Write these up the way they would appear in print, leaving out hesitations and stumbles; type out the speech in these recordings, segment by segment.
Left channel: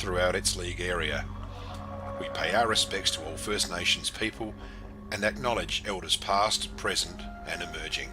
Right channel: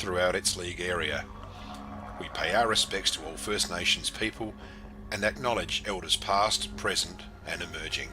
throughout its league area. We pay our respects to all First Nations people and acknowledge elders past, present and emerging.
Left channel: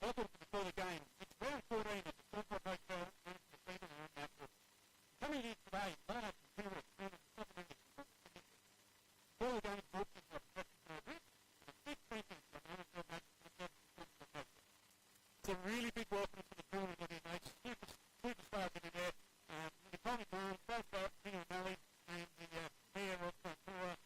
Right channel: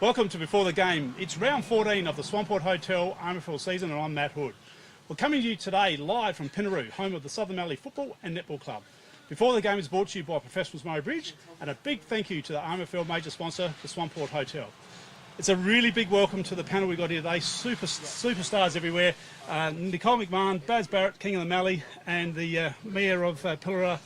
Welcome to Before the Game. It's round 14 of the Swamport Hotel RMFL season and I'm Matt Hood. We're coming to you today live from Pinaroo, home of the Southern Mallee Football and Netball Club. Before the Game is brought to you by Professionals Murray Bridge and a big thank you to the RMFL major sponsor, the Swamport Hotel. It's a really big welcome to the panel we've got here today, superstars everywhere. Nicole McMahon, Baz Barrett, King of the Mallee and the Mayor of Pillara,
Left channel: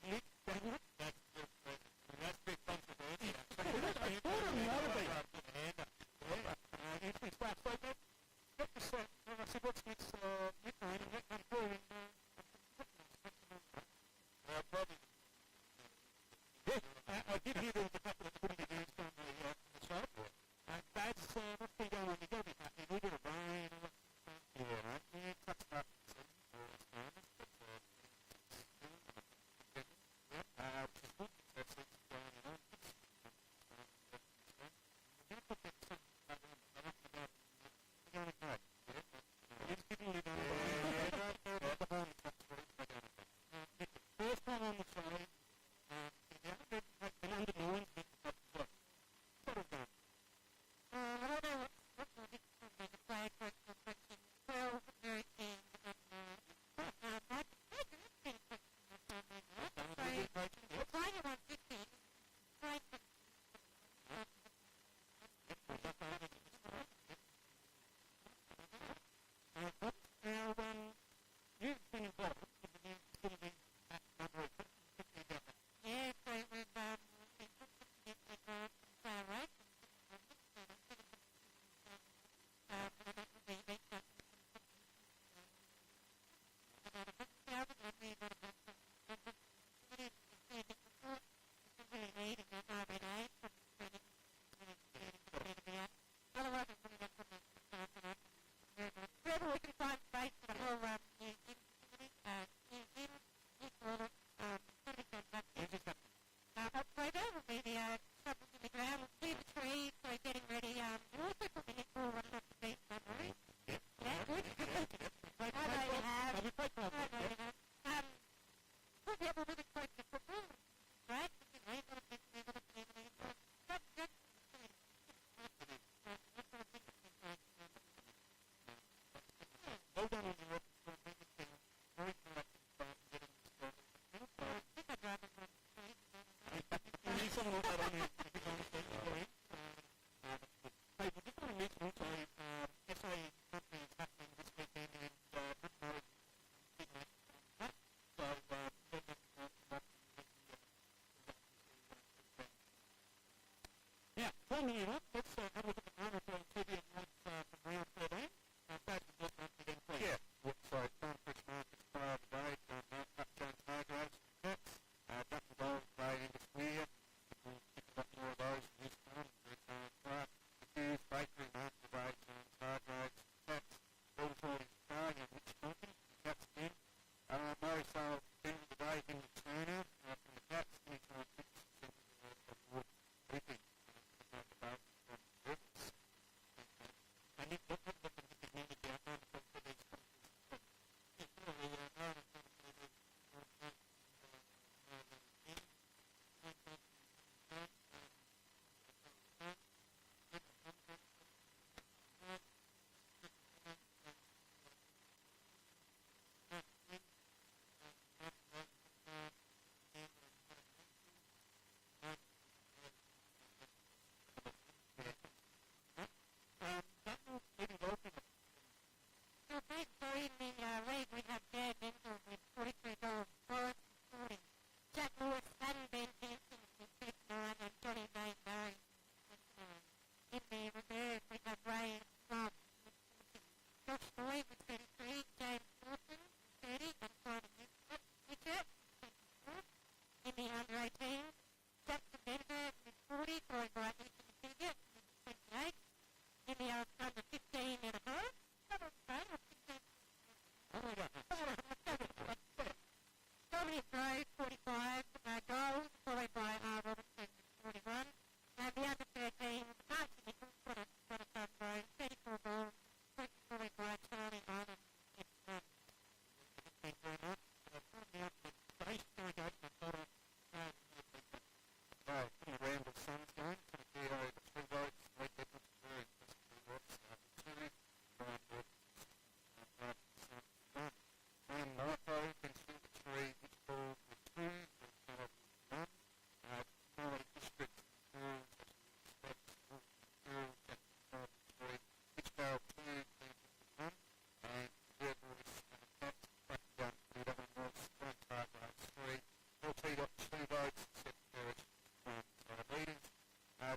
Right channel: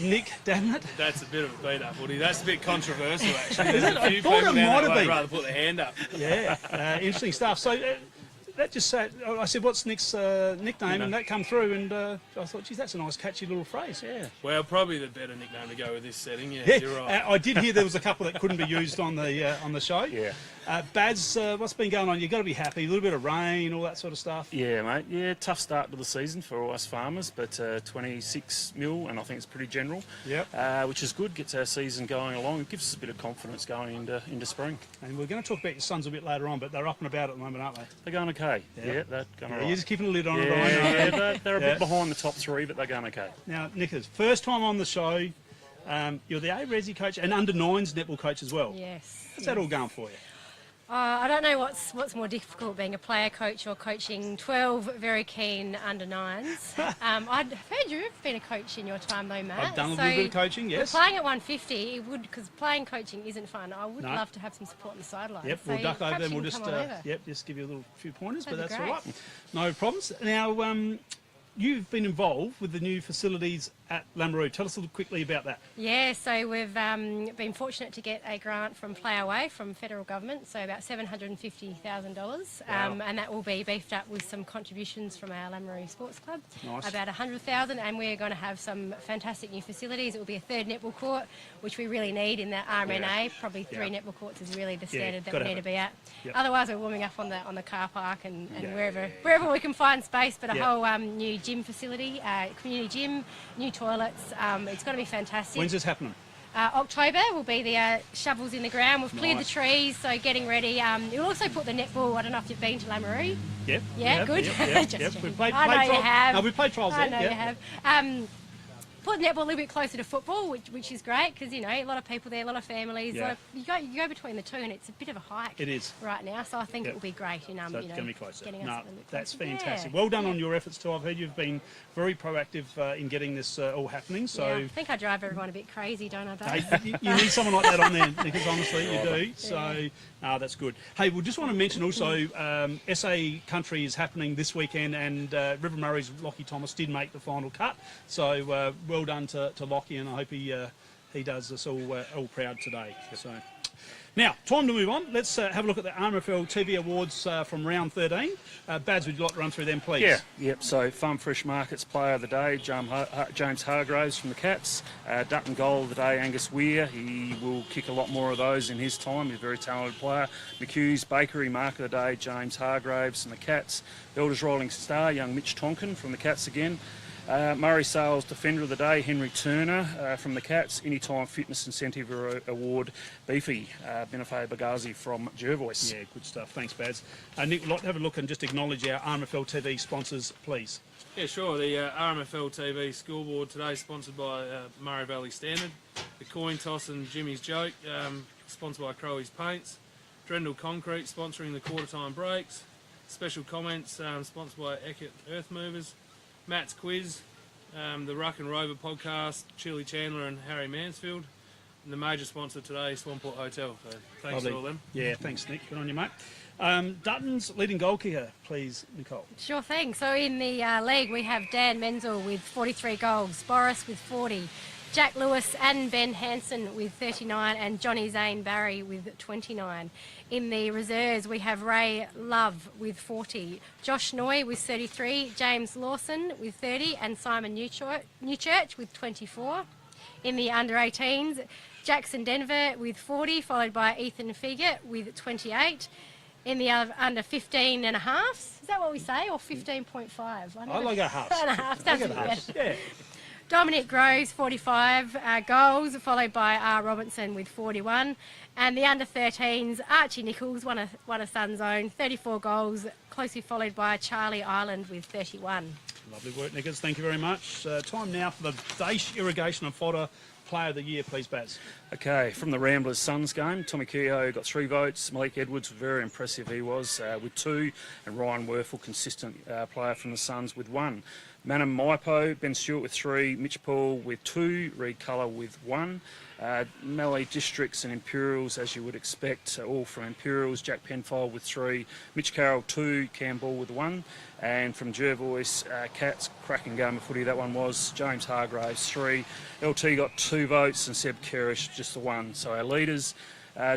Nick Damnett. That's a bit of a beat up, Woody. That's a bit controversial, actually. I thought it might have been. Rather put the hand up. Yeah, interesting stuff. So that just said, I said, what's Nick's nickname? And that come through, and I thought, geez, that's a nice, catchy little phrase. Yeah. Well, probably the better nickname to go with this setting. Yeah, you're right. I did hear there was a couple that couldn't be used on the show. Yeah. Baz, what's been going on? You've got to be happy. A little bit of rain, all that sort of stuff. Yeah, mate. Yeah, tough start to the season for us farmers, but 26 mil, and I think it's pretty general. Yep. Which is good. Gets our season going along. It gives us a bit of confidence going into spring. And we're going to talk about your sons a bit later on, but they're up and about at the moment, aren't they? They're going okay. Yeah, they're going all right. You're just keeping a lid on it. Yeah, they're a bit behind the top three, but they're going okay. Now, Nicholas, first time on the show. You're the A-Resi coach and under-9s netball coach as well. Yes. How's that all going for you? I don't know what's more difficult, being a player coach or coaching 12 very keen under-9s. I'd heard you've been a coach in your time though, Matt. I've done a little bit of coaching, yes. Playing at 150, it would, because playing coaching isn't fun. I would love to have some support on the sideline. Yep, so we'll duck over and we'll just give you a few pointers, but that's all right. No problems. Now, you've been involved with the new facilities at Lameroo. Tell us a little quickly about that. Yeah, so we've been fortunate to get a grant from Play Away from federal government, so about $750,000, and that will be beefed up with some contributions from our Lameroo Sports Club. Nice. About $100,000, and we're going to have some fantastic new facilities. It will be a third netball court, which we really need in that RMNA. Yeah. Probably three netball courts is really the standard that we need to be at. Yep. Otherwise, we're warming up on the car park and wherever we can find space. But a whole new gym facility, community gym, new toilets. It's going to be fantastic. When's this happening? October will be the shovels in the ground. We've cleared the trees, so getting ready. We'll also put the netball. I don't know if you've been to Lameroo. Yep. Yeah, good. Yep. We've played I know you have. No, we've played trials there. I know you have. Put netball a little bit closer to football, which is great because a lot of people there, a lot of families. Yeah. You go between the two, and it's a bit of a hike. It is right now, so I think it will be great in so it's going to be closer. Getting us a little bit that's closer. fantastic. Well done on your efforts too. I've heard you've been very proactive in getting this all happening. So I think I drive everyone a bit crazy, don't I? Hey, you need someone like that on there because honestly you do. So that's good. Hey, we just want to mention also SA Country is happening this weekend, and River Murray's Lockie Thomas did make the final cut. So well done to Lockie, and I hope he does us all proud today. So now, time to move on. Let's have a look at the RMFL TV Awards from round 13. Bads, would you like to run through them, please? Yeah, yep. So, Farm Fresh Markets Player of the Day, James Hargraves from the Cats. Dutton Goal of the Day, Angus Weir. He will kick a lot more of those in his time. He's a very talented player. McHugh's Bakery Mark of the Day, James Hargraves from the Cats. Elders Rolling Star, young Mitch Tonkin from the Cats again. Murray Sales Defender of the Day, Henry Turner from the Cats. Anytime Fitness Incentive Award, Beefy, Benefay Bagazi from Jervois. Yeah, good stuff. Thanks, Baz. Nick, would like to have a look and just acknowledge our RMFL TV sponsors, please. Yeah, sure. The RMFL TV scoreboard today sponsored by Murray Valley Standard. The Coin Toss and Jimmy's Joke, sponsored by Crowley's Paints. Drendel Concrete sponsoring the quarter time breaks. Special comments sponsored by Eckert Earth Movers. Matt's Quiz, the Ruck and Rover podcast, Chili Chandler and Harry Mansfield. And the major sponsor today is Swamport Hotel. So thanks Lovely. to all them. Yeah, thanks, Nick. Good on you, mate. Dutton's leading goal kicker, please, Nicole. Sure thing. So in the league, we have Dan Menzel with 43 goals, Boris with 40, Jack Lewis and Ben Hansen with 39, and Johnny Zane Barry with 29. In the reserves, we have Ray Love with 40, Josh Noy with 33, James Lawson with 30, and Simon Newchurch with 24. In the under-18s, Jackson Denver with 40, followed by Ethan Figert with 28. In the under 15 and a halves, is that what we say, or 15.5? I like a half. And a half, sounds good. Yeah. Dominic Groves, 45 goals, followed by R. Robinson with 41. And the under-13s, Archie Nichols, one of Sun's own, 34 goals, closely followed by Charlie Ireland with 31. Lovely work, Nickers. Thank you very much. Time now for the Daesh Irrigation and Fodder Player of the Year, please, Baz. Okay, from the Ramblers Suns game, Tommy Keogh got 3 votes. Malik Edwards, very impressive he was, with 2. And Ryan Werfel, consistent player from the Suns, with 1. Manam Maipo, Ben Stewart with 3. Mitch Paul with 2. Reed Culler with 1. Mallee Districts and Imperials, as you would expect, all from Imperials. Jack Penfold with 3. Mitch Carroll 2. Cam Ball with 1. And from Jervois, Cats, cracking game of footy that one was. James Hargraves 3. LT got 2 votes and Seb Kerrish just the 1. So our leaders,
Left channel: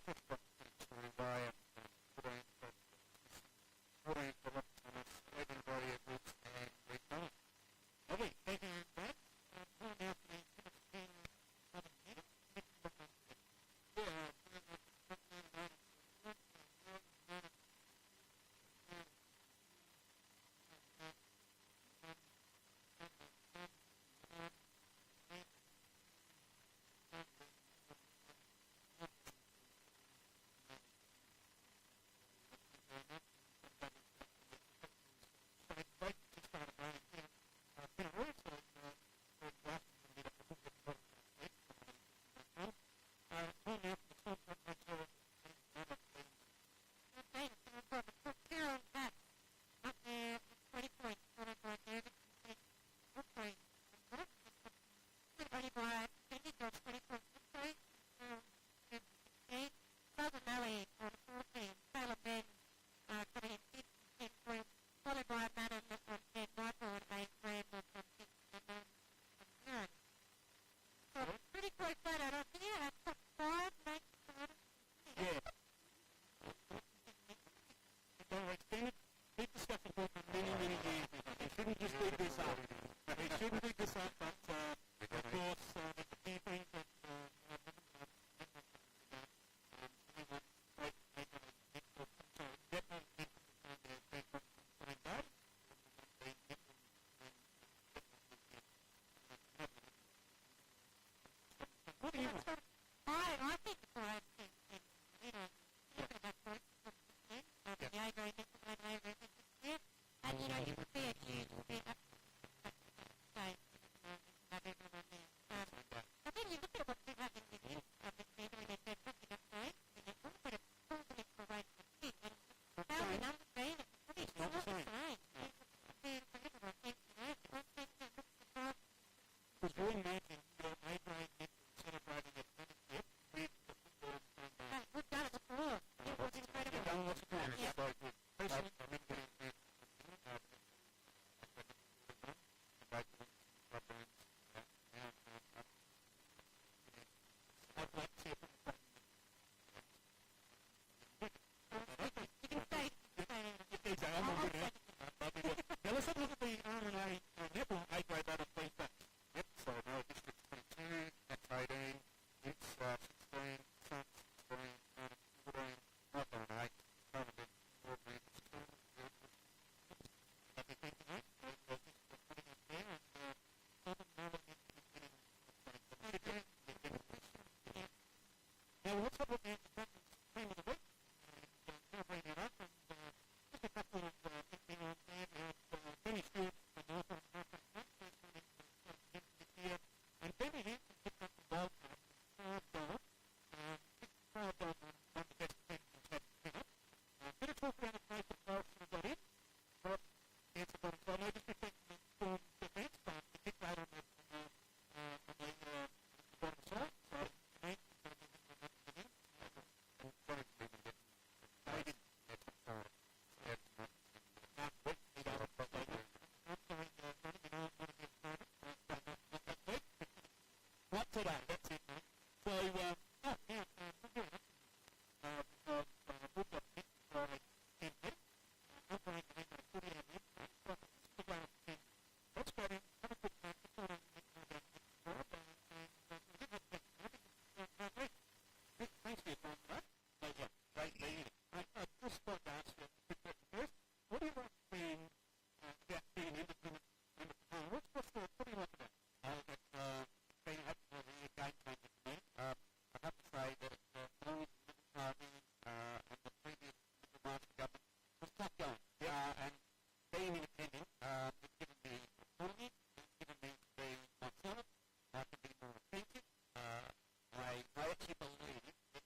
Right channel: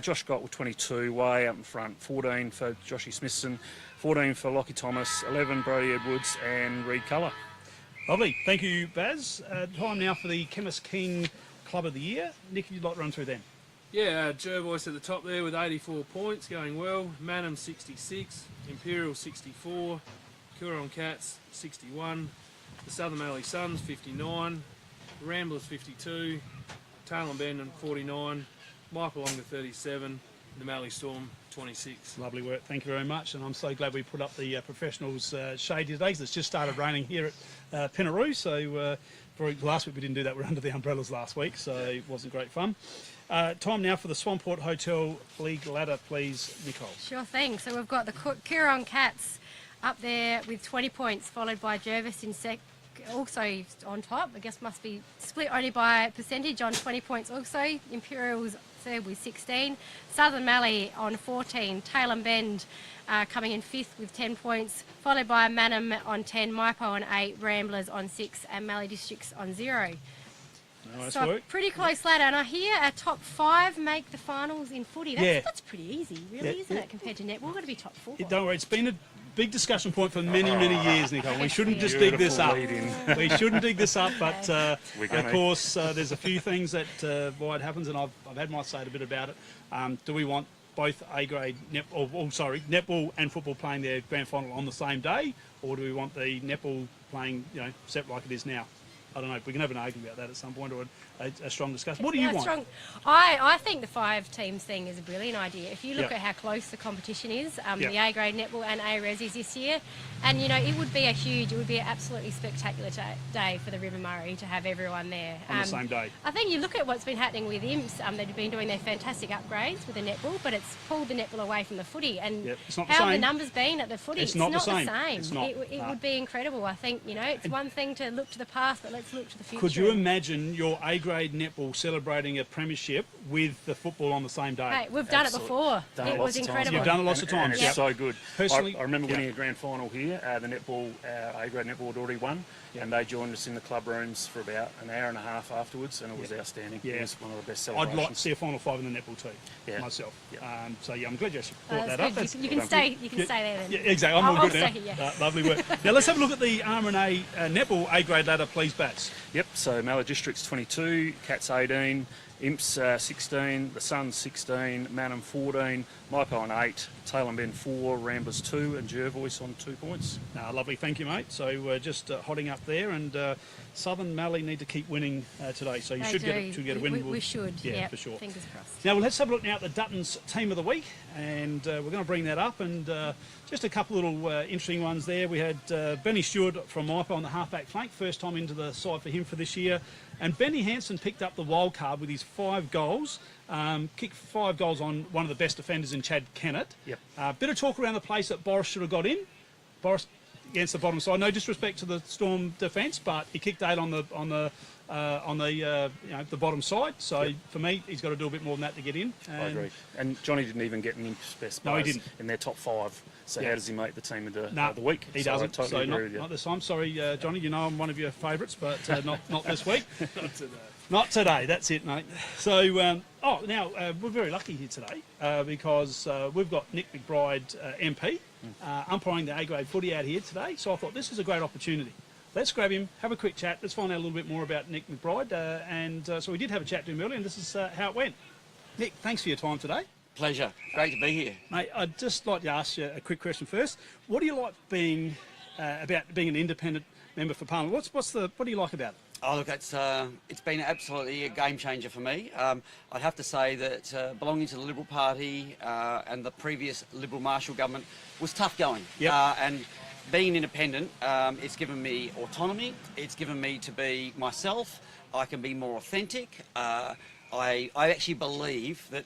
Josh Gott with 22, way up in front. 14 for Joshy Smithson, 14 for Lockie Thomas, 11 Brody Edwards and Reed Culler. Lovely. Thank you, Baz. Time now for the Chemist King Club of the Year. Nick, you'd like to run through them? Yeah, Jervois at the top there with 84 points, going well. Manham 66, Imperial 64, Coorong Cats 61, the Southern Mallee Suns 59, Ramblers 52, Tailem Bend 49, Maipalonga 37, the Mallee Storm 26. Lovely work. Thank you very much. And I'm so glad we put up the professionals shade today, 'cause it's just started raining here at Pinaroo. So for last week we didn't do that. We're under the umbrellas last week, so it wasn't great fun. Time now for the Swamport Hotel League ladder, please, Nicole. Sure thing. So we've got the Coorong Cats up there with 20 points, followed by Jervis in also on top. I guess must be split only by percentage on 20 points also. Imperials third with 16. Southern Mallee on 14. Tailem Bend coming in 5th with 10 points, followed by Manham on 10, Maipo on 8, Ramblers on 6, and Mallee Districts on 0. Nice So work. pretty close ladder. And I hear our top 5 make the finals in footy. That's pretty easy, really, isn't it, compared to netball? We've got to be top 4. Don't worry, it's been a big discussion point for many, many years, Nicole. We shouldn't just dig this up. We shouldn't dig this up, but of course, there's a few things that why it happens, and I've had my say a bit about it. Do we want both A-grade netball and football playing their grand final on the same day, or do we want the netball playing, separate like it is now? I don't know. We can have an argument about that at some point, or a strong discussion. What do you want? I think the 5 teams thing is a brilliant idea. If you look at how close the competition is, the A-grade netball and A-resis this year, and it would be it would be an absolutely spectacular day for the River Murray to have everyone there. On the same day. I think you look at what's been happening with IMPS, they've been doing their fantastic upgrades with the netball, but it's pulled the netball away from the footy. And how have the numbers been at the footy? It's not the same. It's not. It would be incredible. I think, it's one thing to look to the past, but let's look to the future. Could you imagine your A-grade netball celebrating a premiership with the football on the same day? Hey, we've done it before. It was incredible. You've done it lots of times. And it's so good. Personally, I remember winning a grand final here. The netball, A-grade netball had already won, and they joined us in the club rooms for about an hour and a half afterwards, and it was outstanding. Yeah. It was one of the best I'd celebrations. like to see a final 5 in the netball too, myself. So I'm glad you actually brought that up. You can stay there then. Yeah, exactly. I'm all good now. Stay here, Lovely work. Now let's have a look at the RMFL netball A-grade ladder, please, Bats. Yep, so Mallee Districts 22, Cats 18, Imps 16, the Suns 16, Manham 14, Maipo on 8, Tailem Bend 4, Ramblers 2, and Jervois on 2 points. Lovely, thank you, mate. So just hotting up there, and Southern Mallee need to keep winning today, so you should get a win. We should, yeah, for sure. Fingers crossed. Now let's have a look now at the Dutton's Team of the Week, and we're going to bring that up, and just a couple little interesting ones there. We had Benny Stewart from Maipo on the halfback flank, first time into the side for him for this year. And Benny Hansen picked up the wild card with his 5 goals, kicked 5 goals on one of the best defenders in Chad Kennett. Yep. Bit of talk around the place that Boris should have got in. Boris against the bottom side. No disrespect to the Storm defence, but he kicked 8 on the on the the bottom side. So for me, he's got to do a bit more than that to get in. I agree. And Johnny didn't even get any best No, he players didn't. in their top 5. So how does he make the team of the week? He So I doesn't. totally agree with you. Not this time. Sorry, Johnny. You know I'm one of your favourites, but not this week. Not today. Not today. That's it, mate. So now we're very lucky here today because we've got Nick McBride, MP, umpiring the A-grade footy out here today. So I thought this is a great opportunity. Let's grab him, have a quick chat. Let's find out a little bit more about Nick McBride. So we did have a chat to him earlier, and this is how it went. Nick, thanks for your time today. Pleasure. Great to be here. Mate, I'd just like to ask you a quick question first. What do you like about being an independent member for Parliament? What do you like about it? Oh, look, it's been absolutely a game changer for me. I'd have to say that belonging to the Liberal Party and the previous Liberal Marshall government was tough going. Yep. And being independent, it's given me autonomy. It's given me to be myself. I can be more authentic. I actually believe that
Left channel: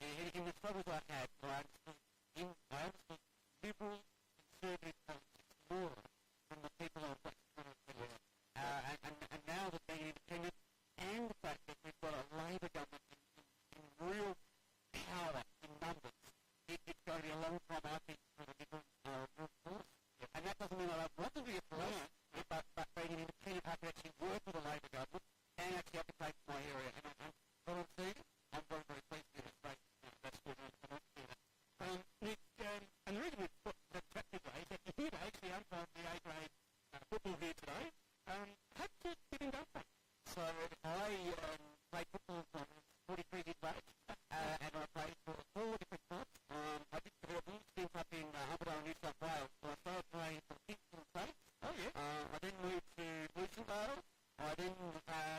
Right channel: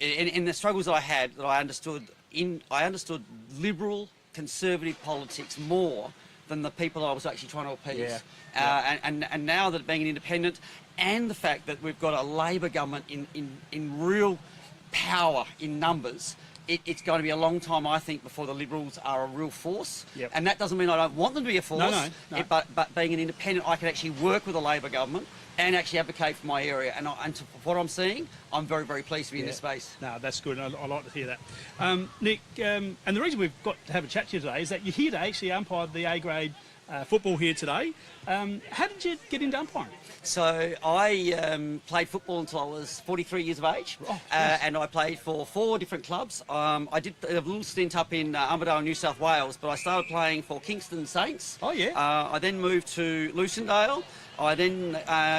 in the struggles that I had, that I understood liberal conservative politics more than the people I was actually trying to appease. And now that being an independent, and the fact that we've got a Labor government in real power in numbers, it's going to be a long time, I think, before the Liberals are a real force. Yep. And that doesn't mean I don't want them to be a force. No. But being an independent, I can actually work with a Labor government and actually advocate for my area. And for what I'm seeing, I'm very, very pleased to be in this space. No, that's good. I like to hear that. Nick, and the reason we've got to have a chat to you today is that you're here to actually umpire the A-grade football here today. How did you get into umpiring? So I played football until I was 43 years of age, and I played for 4 different clubs. I did a little stint up in Armidale, New South Wales, but I started playing for Kingston Saints. Oh, yeah. I then moved to Lucindale. I then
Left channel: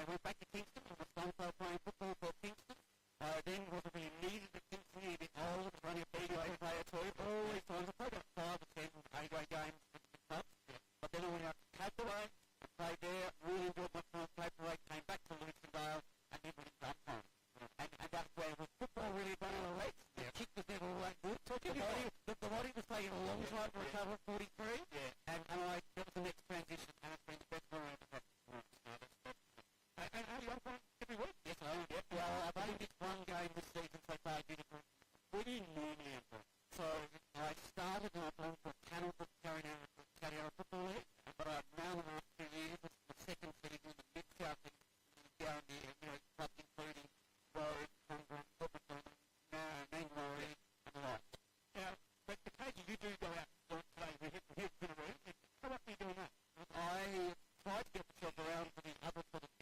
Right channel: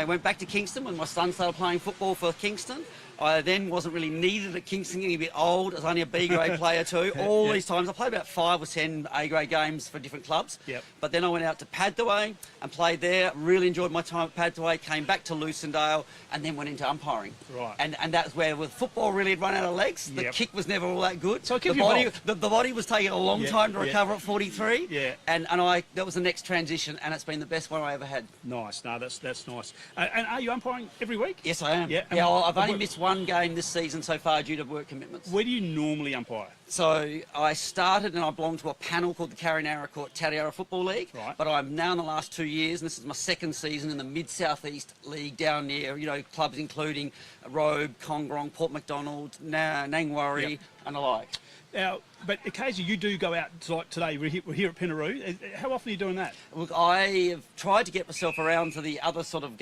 went back to Kingston when my son started playing football for Kingston. I then wasn't really needed at Kingston, getting a bit old. I was only a B-grade player too. All these times, I played about 5 or 10 A-grade games for different clubs. Yep. But then I went out to Padthaway and played there. Really enjoyed my time at Padthaway. Came back to Lucindale and then went into umpiring. Right. And that's where with football really had run out of legs. The Yep. kick was never all that good. So it kept the you body, involved. the body was taking a long time to recover at 43. Yeah. And that was the next transition, and it's been the best one I ever had. Nice. No, that's nice. And are you umpiring every week? Yes, I am. Yeah. Well, I've only missed one game this season so far due to work commitments. Where do you normally umpire? So I started and I belonged to a panel called the Tariara Football League. Right. But I'm now in the last 2 years, and this is my second season in the Mid-South East League down near, clubs including Robe, Congrong, Port Macdonald, Nangwarry, and the like. Now, but occasionally you do go out, like today, we're here at Pinaroo. How often are you doing that? Look, I have tried to get myself around to the other sort of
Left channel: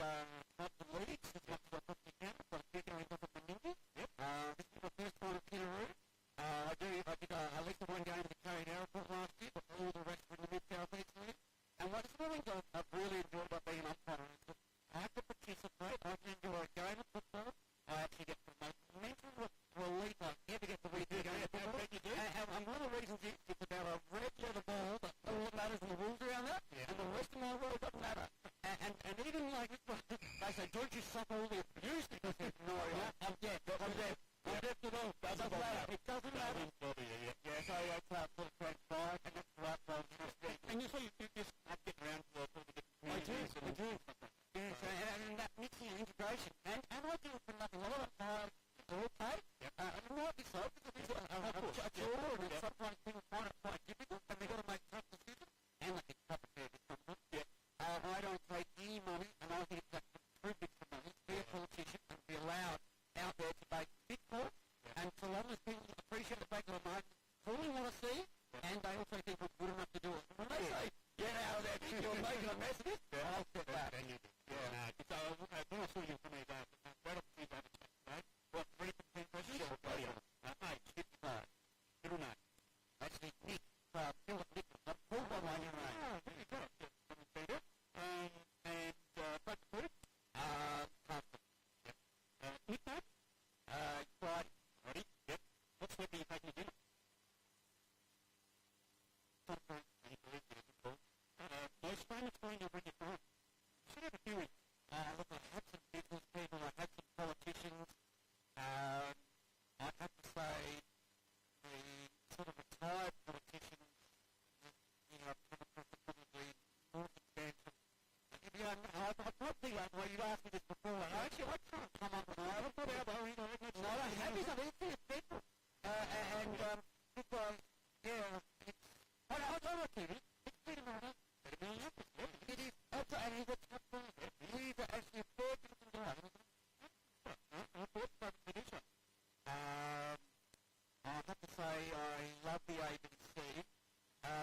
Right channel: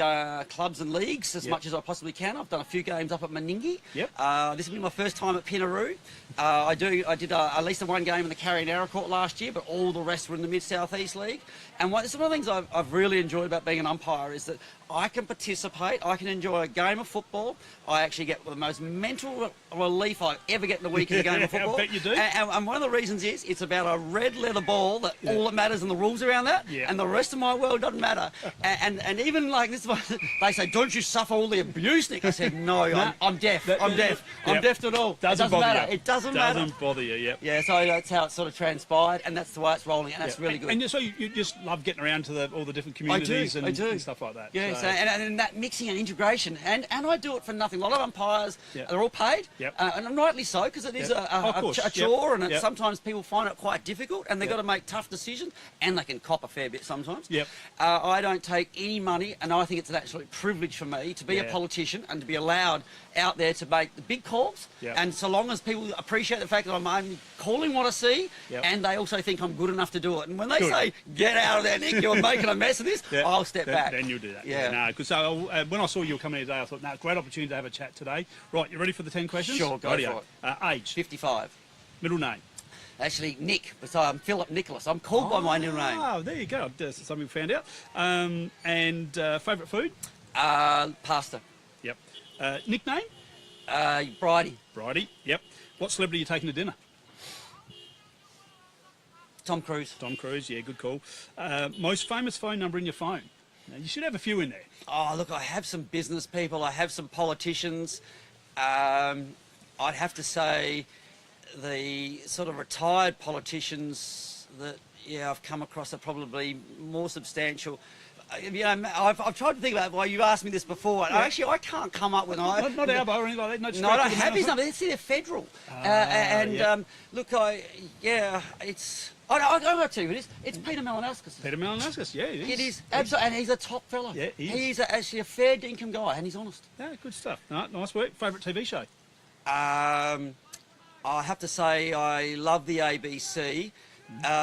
clubs and leagues as much as I possibly can. I've done a few games up at Meningie. Yep. This will be my first time at Pinaroo. I did at least one game in the Carrion-Arrow Court last year, but all the rest were in the Mid-South East League. And one of the things I've really enjoyed about being an umpire is that I can participate, I can enjoy a game of football. I actually get the most mental relief I ever get in a week in a game of football. I bet you do. And one of the reasons is it's about a red leather ball that all that matters and the rules around that, and the rest of my world doesn't matter. And even like this one, they say, don't you suffer all the abuse, Nick? I said, no, I'm deaf. I'm deaf. I'm deaf to it all. Doesn't it doesn't bother matter. you. It doesn't matter. Doesn't bother you, yep. Yeah, so that's how it sort of transpired, and that's the way it's rolling, and that's really good. And so you just love getting around to all the different communities I do. and stuff like that. Yeah, so, so, and that mixing and integration, and I do it for nothing. A lot of umpires, they're all paid, and rightly so, because it is a chore, and sometimes people find it quite difficult, and they've got to make tough decisions, and they can cop a fair bit sometimes. Yep. I don't take any money, and I think it's an absolute privilege for me to be a politician and to be allowed out there to make the big calls. And so long as people appreciate the fact that I'm only calling what I see, and they also think I'm good enough to do it. And when they say, get out of there, Nick, you're making a mess of this, I'll step back. Then you'll do that. Yeah. No, because when I saw you were coming today, I thought, no, great opportunity to have a chat today. Right, you ready for the 10 questions? Sure, go for it. Age? 55. Middle name? Actually, Nick, so I'm Philip Nicholas. I'm called by my middle name. Oh, there you go. That's something we found out. And favourite food? Pasta. Yep. Nickname? Bridie. Bridie, yep. What celebrity are you taking to dinner? Tom Cruise. Tom Cruise, yeah, good call. Most famous phone number in your phone? Now, you should have a few in there. Oh, look, I have some business people. I have some politicians. I'd have to say the sort of retired politicians that, I've come across are probably more substantial. You know, I've tried to think about why you asked me this before. And I can't come up with Not Albo or anything like that. No, I don't have his number. They're federal. Look, it's. I got to tell you, it's Peter Malinauskas. Peter Malinauskas, yeah, it is. It is absolutely, and he's a top fella. Yeah, he is. He's actually a fair dinkum guy, and he's honest. Yeah, good stuff. No, nice work. Favourite TV show? I have to say I love the ABC.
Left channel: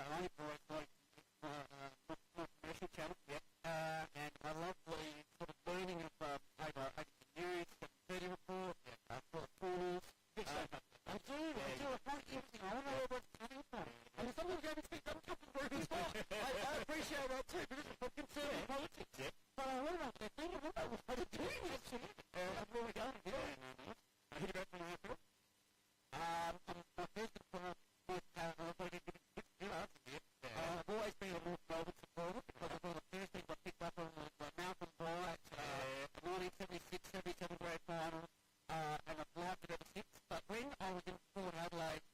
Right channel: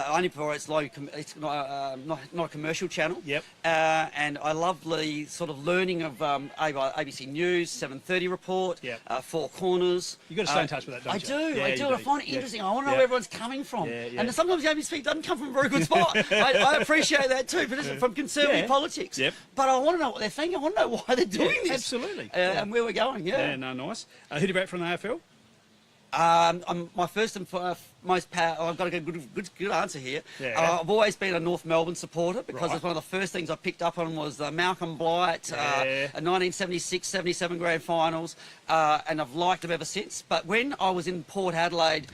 Only for it's not a commercial channel. Yep. And I love the sort of learning of ABC News, 7:30 report, Yep. Four Corners. You've got to stay in touch with that, don't you? I do. I find it interesting. I want to know where everyone's coming from. Yeah. And sometimes the ABC doesn't come from a very good spot. I appreciate that too, but it's from conservative politics. Yep. But I want to know what they're thinking. I want to know why they're doing this. Absolutely. And where we're going. Yeah, no, nice. Who do you back from the AFL? I'm my first and most I've got a good answer here. Yeah. I've always been a North Melbourne supporter because it's one of the first things I picked up on was Malcolm Blight, a 1976-77 grand finals, and I've liked them ever since. But when I was in Port Adelaide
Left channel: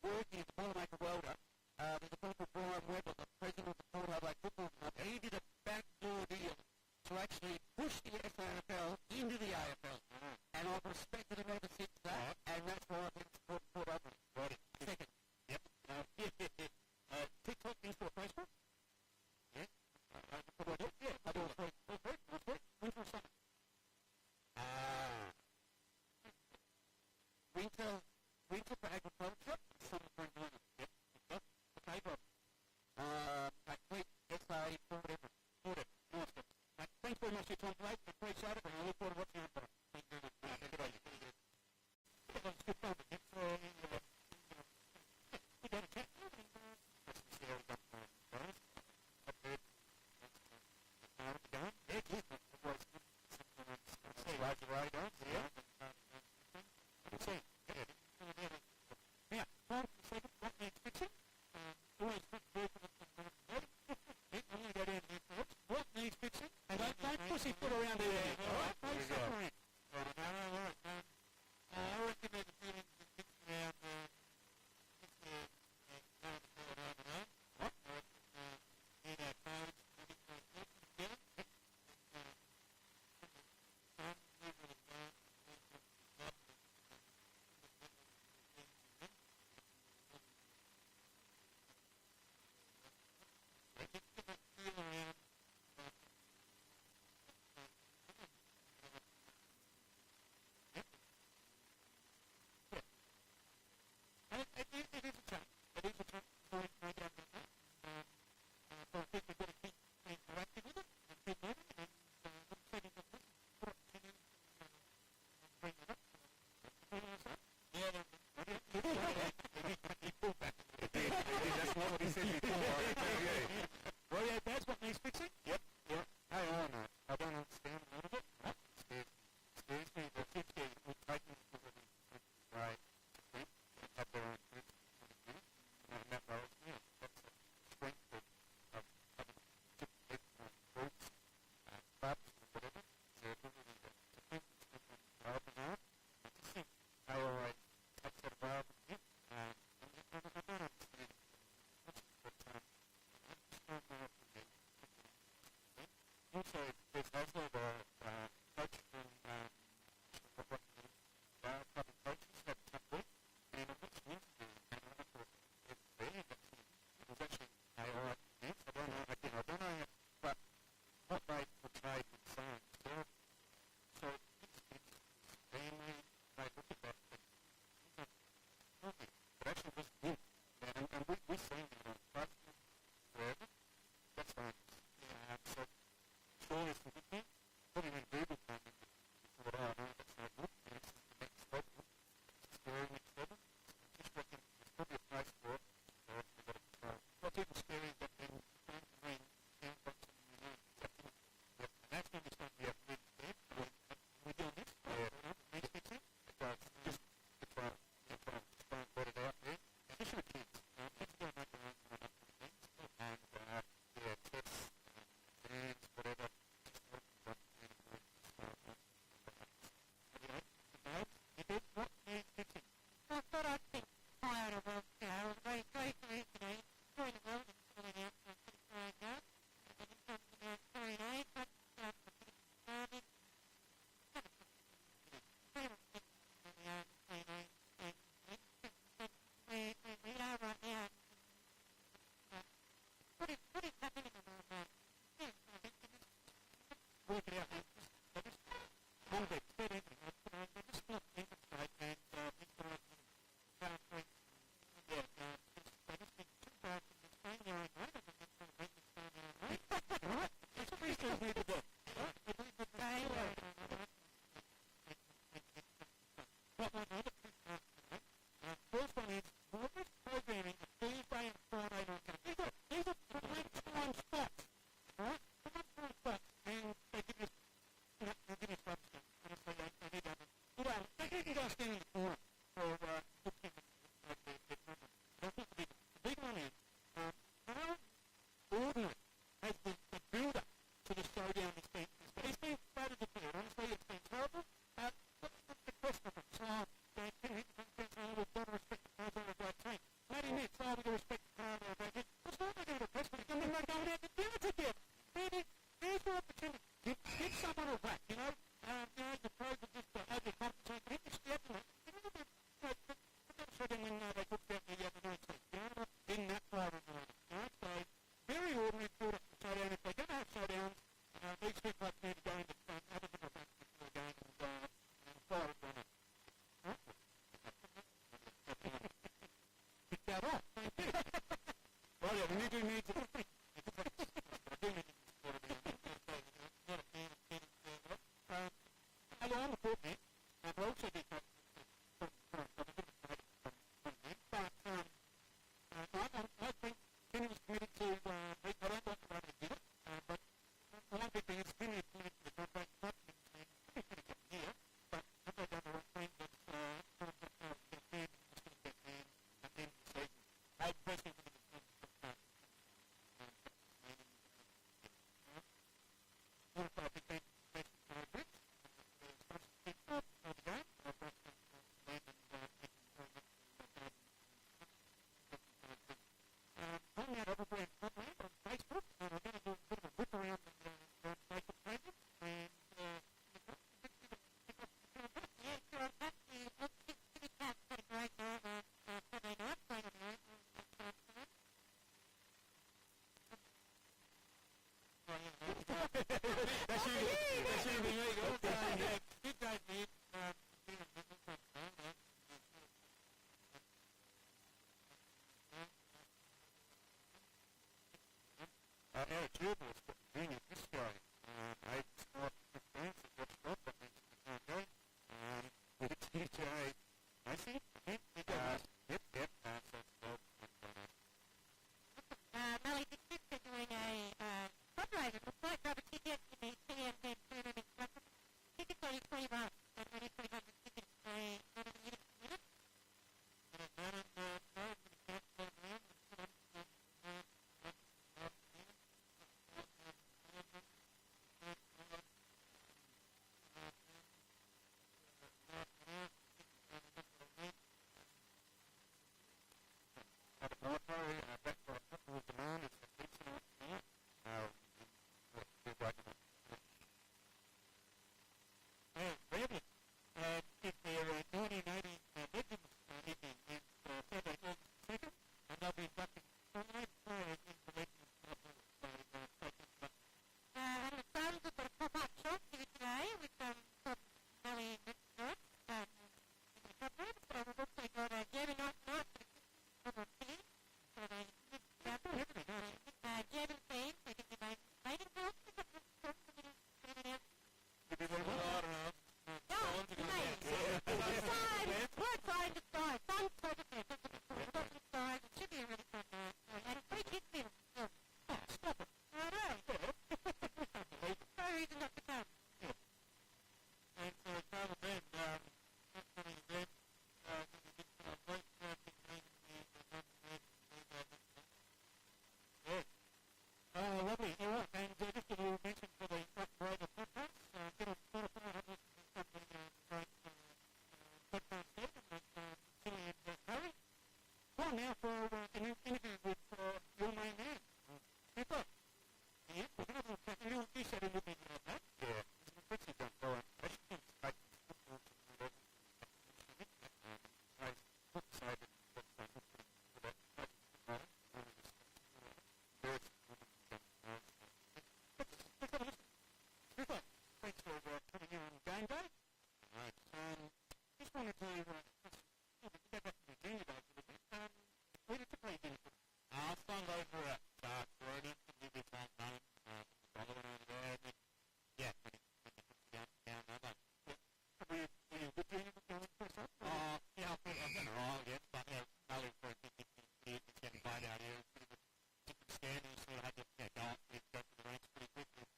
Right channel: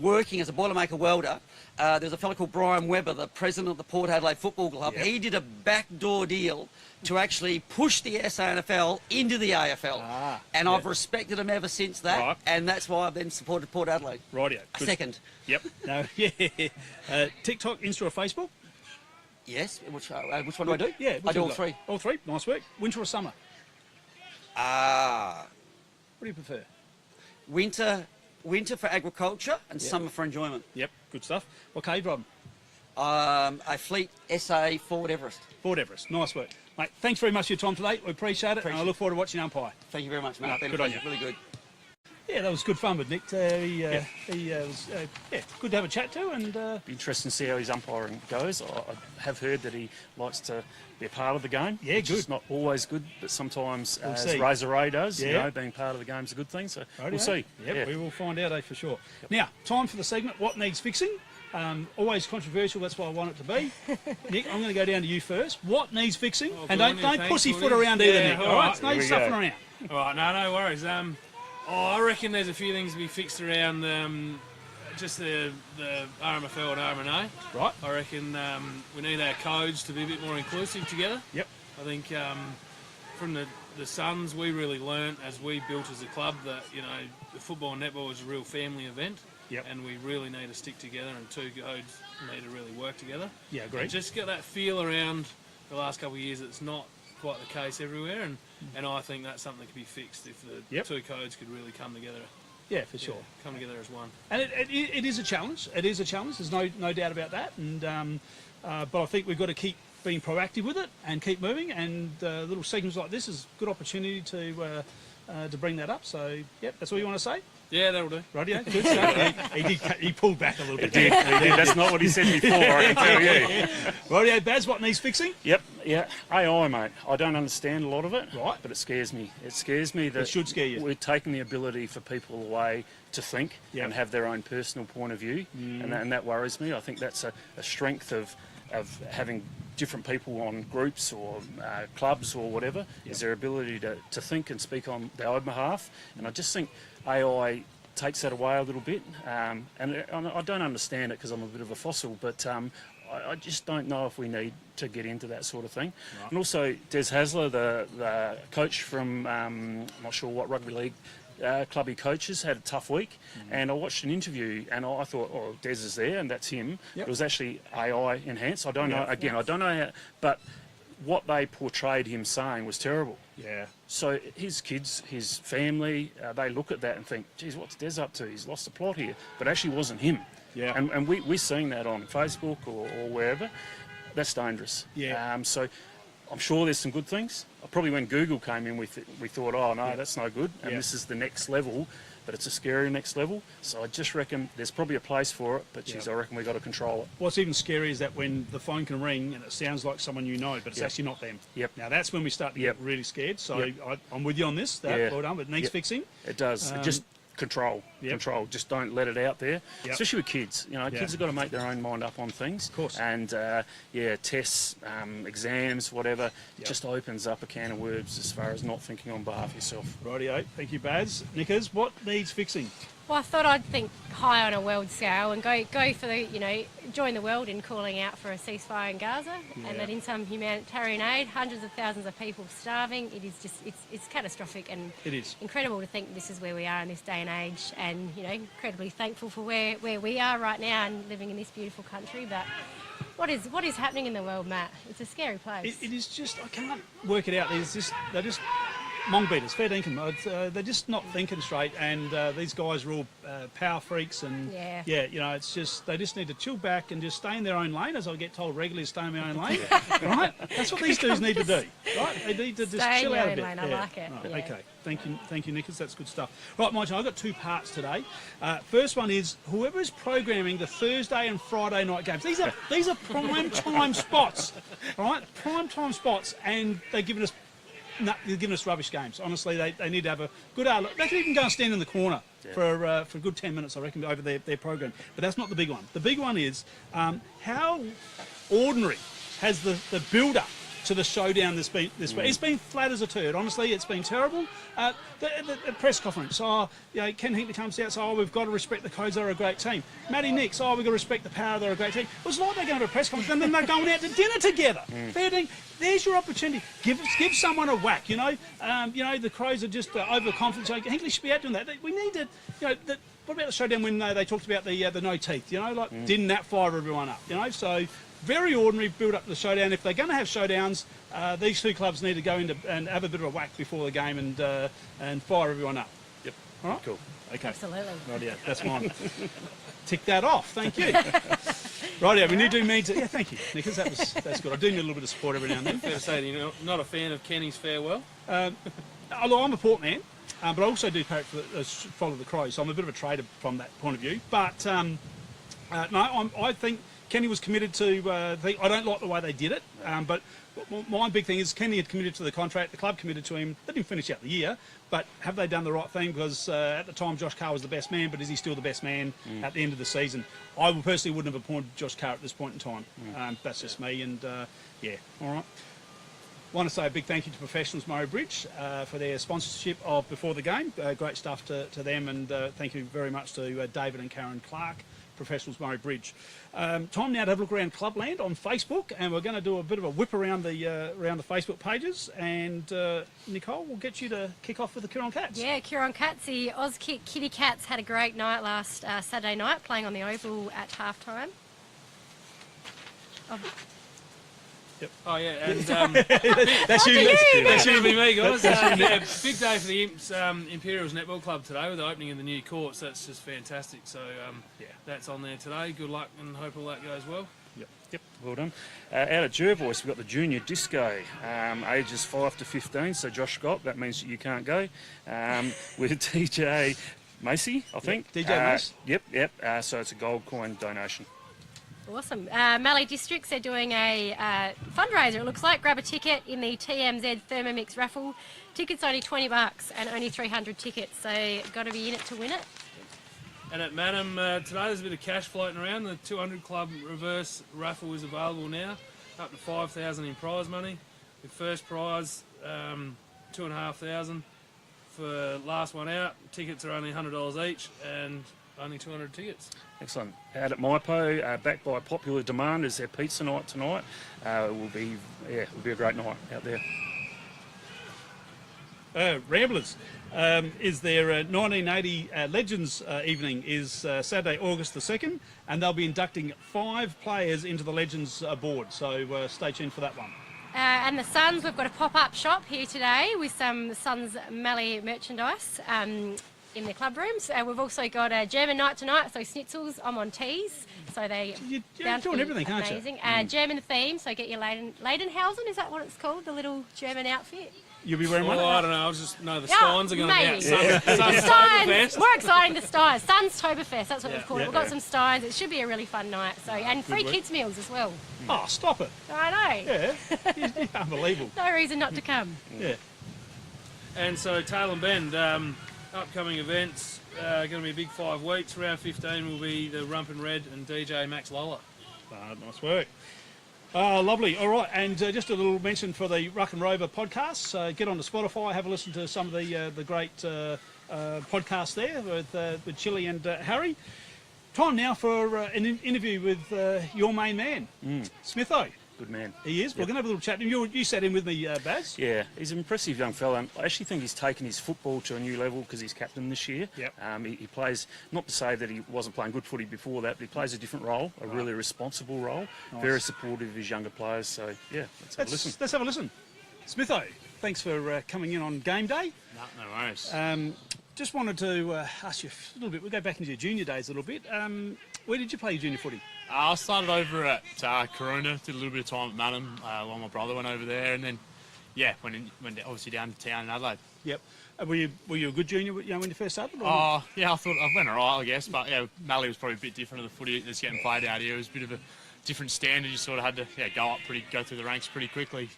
working as a Boilermaker welder, there was a fellow called Brian Webber, the president of the Port Adelaide Football Club. Yep. He did a backdoor deal to actually push the SANFL into the AFL. And I've respected him ever since that. Right. And that's why I've then supported Port Adelaide. Rightio. Second. Yep. No, yeah. TikTok, Insta or Facebook? Yes. Which one do I do? Yeah. I do all three. All three. Nice work. Winter or summer? Ah. What do you prefer? Winter for agriculture and summer for enjoyment. Yep. Good stuff. What cave Rob? A Fleet SA Ford Everest. Ford Everest. Nice work. Mate, thanks very much for your time today. We appreciate it. And I look forward to watching umpire. Thank you very much, mate. Good on you. Really good. Yeah, that was good fun with Nick. He was good to have a chat to, and Be interesting to see how his umpiring goes. I have heard that he likes to be a part of the game. Yeah, which good. is not always good, but sometimes, We'll as see. Razor Ray does, Yeah. being part of the game is a good thing. So Rightio. we'll see. Yep, we will find out, for sure. Now, time for the segment, What Needs Fixing? Always controversial, that's what I want it to be. Nick, I'm going to go down to you first. What needs fixing? And don't pussyfoot around either, Nick, all right? No stuffing around. All right, no worries. I reckon there's a few things to be fixed around just the RMFL and RMNA. Right. I reckon we need our codes to be a bit more inclusive together. Yep. I think from the Suns, we really learnt as we built as a club that, the football and netball is a real family event. Yep. And we really need to stick together, and two codes need to really work together. Yeah, And agreed. just get that feel around the last couple of years. It's not quite the case everywhere, and I think that's something that could be fixed if the two codes could really come together. Yeah, for sure. Come together as one. And it is a challenge. It is a challenge. There's no doubt about that. And but I think we've got to keep being proactive with it and keep moving. And little segments like this is a good opportunity to bring that up. So, yep, that's all you want to say? Yeah, that'll do. Rightio, good stuff. He pulled back a little bit. He did. That's not what he said before, I can tell you. Rightio, Baz, what needs fixing? Yep, yeah. AI, mate. I don't understand a lot of it, Right. but it scares me. It scares me that It should scare you. we're taking the ability for people away to think and have their own personal point of view, and that worries me. I think that's a strength of having different people on groups or clubs or whatever, is their ability to think and speak on their own behalf. And I just think AI takes that away a little bit. And I don't understand it because I'm a bit of a fossil, but I just don't know if we need to get into that sort of thing. Right. And also, Des Hasler, the coach from, I'm not sure what rugby league club he coaches, had a tough week, and I watched an interview and I thought, oh, Des is there and that's him. Yep. It was actually AI enhanced. I don't know, again, I don't know how, but what they portrayed him saying was terrible. Yeah. So his kids, his family, they look at that and think, geez, what's Des up to? He's lost the plot here. But it actually wasn't him. Yeah. And we're seeing that on Facebook or wherever. That's dangerous. Yeah. So I'm sure there's some good things. Probably when Google came in, we thought, oh, no, that's no good. And this is the next level, but it's a scary next level. So I just reckon there's probably a place for it, but geez, I reckon we've got to control it. What's even scary is that when the phone can ring and it sounds like someone you know, but it's actually not them. Yep. Now that's when we start to get really scared. So I'm with you on this. Well done. It needs fixing. It does. Just control. Control. Just don't let it out there. Especially with kids. Kids have got to make their own mind up on things. Of course. And tests, exams, whatever, just opens up a can of worms as far as not thinking on behalf of yourself. Rightio. Thank you, Baz. Nickers, what needs fixing? Well, I thought I'd think high on a world scale and go for the, join the world in calling out for a ceasefire in Gaza and that in some humanitarian aid, hundreds of thousands of people starving. It is just, it's catastrophic, and It is. incredible to think this is where we are in this day and age, and, you know, incredibly thankful for where we are right now and living in this beautiful country. But what is happening in the world, Matt? It's a scary place. It is just, I can't work it out. They're just mong beaters, fair dinkum. They're just not thinking straight, and these guys are all power freaks, and you know, it's just, they just need to chill back and just stay in their own lane, as I get told regularly, stay in their own lane, right? That's what these dudes need to do, right? They need to just Stay chill in out your a bit. own lane, I like it. Right, okay, thank you, Nicholas, that's good stuff. Right, Mike, I've got two parts today. First one is, whoever is programming the Thursday and Friday night games, these are prime time spots, all right? Prime time spots, and they're giving us rubbish games. Honestly, they need to have a good hour. They can even go and stand in the corner for a good 10 minutes, I reckon, over their program. But that's not the big one. The big one is how ordinary has the build-up to the showdown this week. It's been flat as a turd. Honestly, it's been terrible. The press conference, Ken Hinkley comes out, we've got to respect the Codes, they're a great team. Matty Nix, we've got to respect the Power, they're a great team. It was like they're going to a press conference and then they're going out to dinner together. Fair ding. There's your opportunity. Give someone a whack, you know. The Crows are just overconfident. So Hinkley should be out doing that. We need to, what about the showdown when they talked about the no teeth, didn't that fire everyone up, So very ordinary build up to the showdown. If they're going to have showdowns, these two clubs need to go into and have a bit of a whack before the game and fire everyone up. Yep. All right. Cool. Okay. Absolutely. Right, yeah, that's mine. Tick that off. Thank you. Right, yeah, we need to mean to. Yeah, thank you, Nicholas. That's good. I do need a little bit of support every now and then. Fair to say, you're not a fan of Kenny's farewell? Although I'm a Port man, but I also do follow the Crows, so I'm a bit of a trader from that point of view. But no, I think Kenny was committed to. I don't like the way they did it, but my big thing is Kenny had committed to the contract. The club committed to him. They didn't finish out the year, but have they done the right thing? Because at the time, Josh Carr was the best man, but is he still the best man at the end of the season? I personally wouldn't have appointed Josh Carr at this point in time. That's just me, and yeah, all right. Want to say a big thank you to Professionals Murray Bridge for their sponsorship of Before the Game. Great stuff to them, and thank you very much to David and Karen Clark, Professionals Murray Bridge. Time now to have a look around Clubland on Facebook, and we're going to do a bit of a whip around the Facebook pages. And Nicole, we'll get you to kick off with the Kieran Cats. Yeah, Kieran Cats, the Auskick Kitty Cats had a great night last Saturday night, playing on the Oval at halftime. Yep. Oh yeah, and that's you. That's you, be me, guys. Yeah, big day for the Imps Imperials Netball Club today with the opening of the new courts. That's just fantastic. So that's on there today. Good luck, and hope all that goes well. Yep, well done. Out at Jervois, we've got the Junior Disco, ages 5 to 15. So Josh Scott, that means you can't go. With DJ Macy, I think. DJ Mace. Yep. So it's a gold coin donation. Awesome. Mallee Districts, they're doing a fundraiser, it looks like. Grab a ticket in the TMZ Thermomix raffle. Tickets only $20 and only 300 tickets, so got to be in it to win it. And at Madam, today there's a bit of cash floating around. The 200 Club reverse raffle is available now, up to $5,000 in prize money. The first prize, $2,500. For last one out, tickets are only $100 each, and only 200 tickets. Excellent. Out at Maipo, backed by popular demand, is their pizza night tonight. It will be a great night out there. Ramblers is their 1980 Legends evening is Saturday, August the 2nd, and they'll be inducting 5 players into the Legends board. So stay tuned for that one. And the Suns, we've got a pop-up shop here today with some Suns Mallee merchandise in the club rooms. We've also got a German night tonight, so schnitzels, I'm on teas. So you're doing everything, aren't you? Amazing. German theme, so get your Leidenhausen, is that what it's called? The little German outfit? You'll be wearing one? I don't know. I just know the Steins are going to be out. The Steins, more exciting, the Steins. Suns Toberfest, that's what we've called it. We've got some Steins. It should be a really fun night. So, and free kids meals as well. Oh, stop it. I know. Yeah, unbelievable. No reason not to come. Yeah. And so Tail and Bend, upcoming events, going to be a big 5 weeks. Round 15 will be the Rump and Red and DJ Max Lola. Nice work. Lovely. All right, and just a little mention for the Ruck and Rover podcasts. Get onto Spotify, have a listen to some of the great podcasts there with Chili and Harry. Time now for an interview with your main man, Smitho. Good man. He is. We're going to have a little chat. You sat in with me, Baz. Yeah, he's an impressive young fella. And I actually think he's taken his football to a new level because he's captain this year. Yep. He plays, not to say that he wasn't playing good footy before that, but he plays a different role, a really responsible role. Nice. Very supportive of his younger players. So, yeah, let's have a listen. Let's have a listen. Smitho, thanks for coming in on game day. No worries. Just wanted to ask you a little bit. We'll go back into your junior days a little bit. Where did you play your junior footy? I started over at Corona, did a little bit of time at Manham while my brother went over there, and then, went obviously down to town in Adelaide. Yep. Were you a good junior when you first started? Oh, yeah, I thought I went alright, I guess, but Mallee was probably a bit different to the footy that's getting played out here. It was a bit of a different standard. You sort of had to go through the ranks pretty quickly.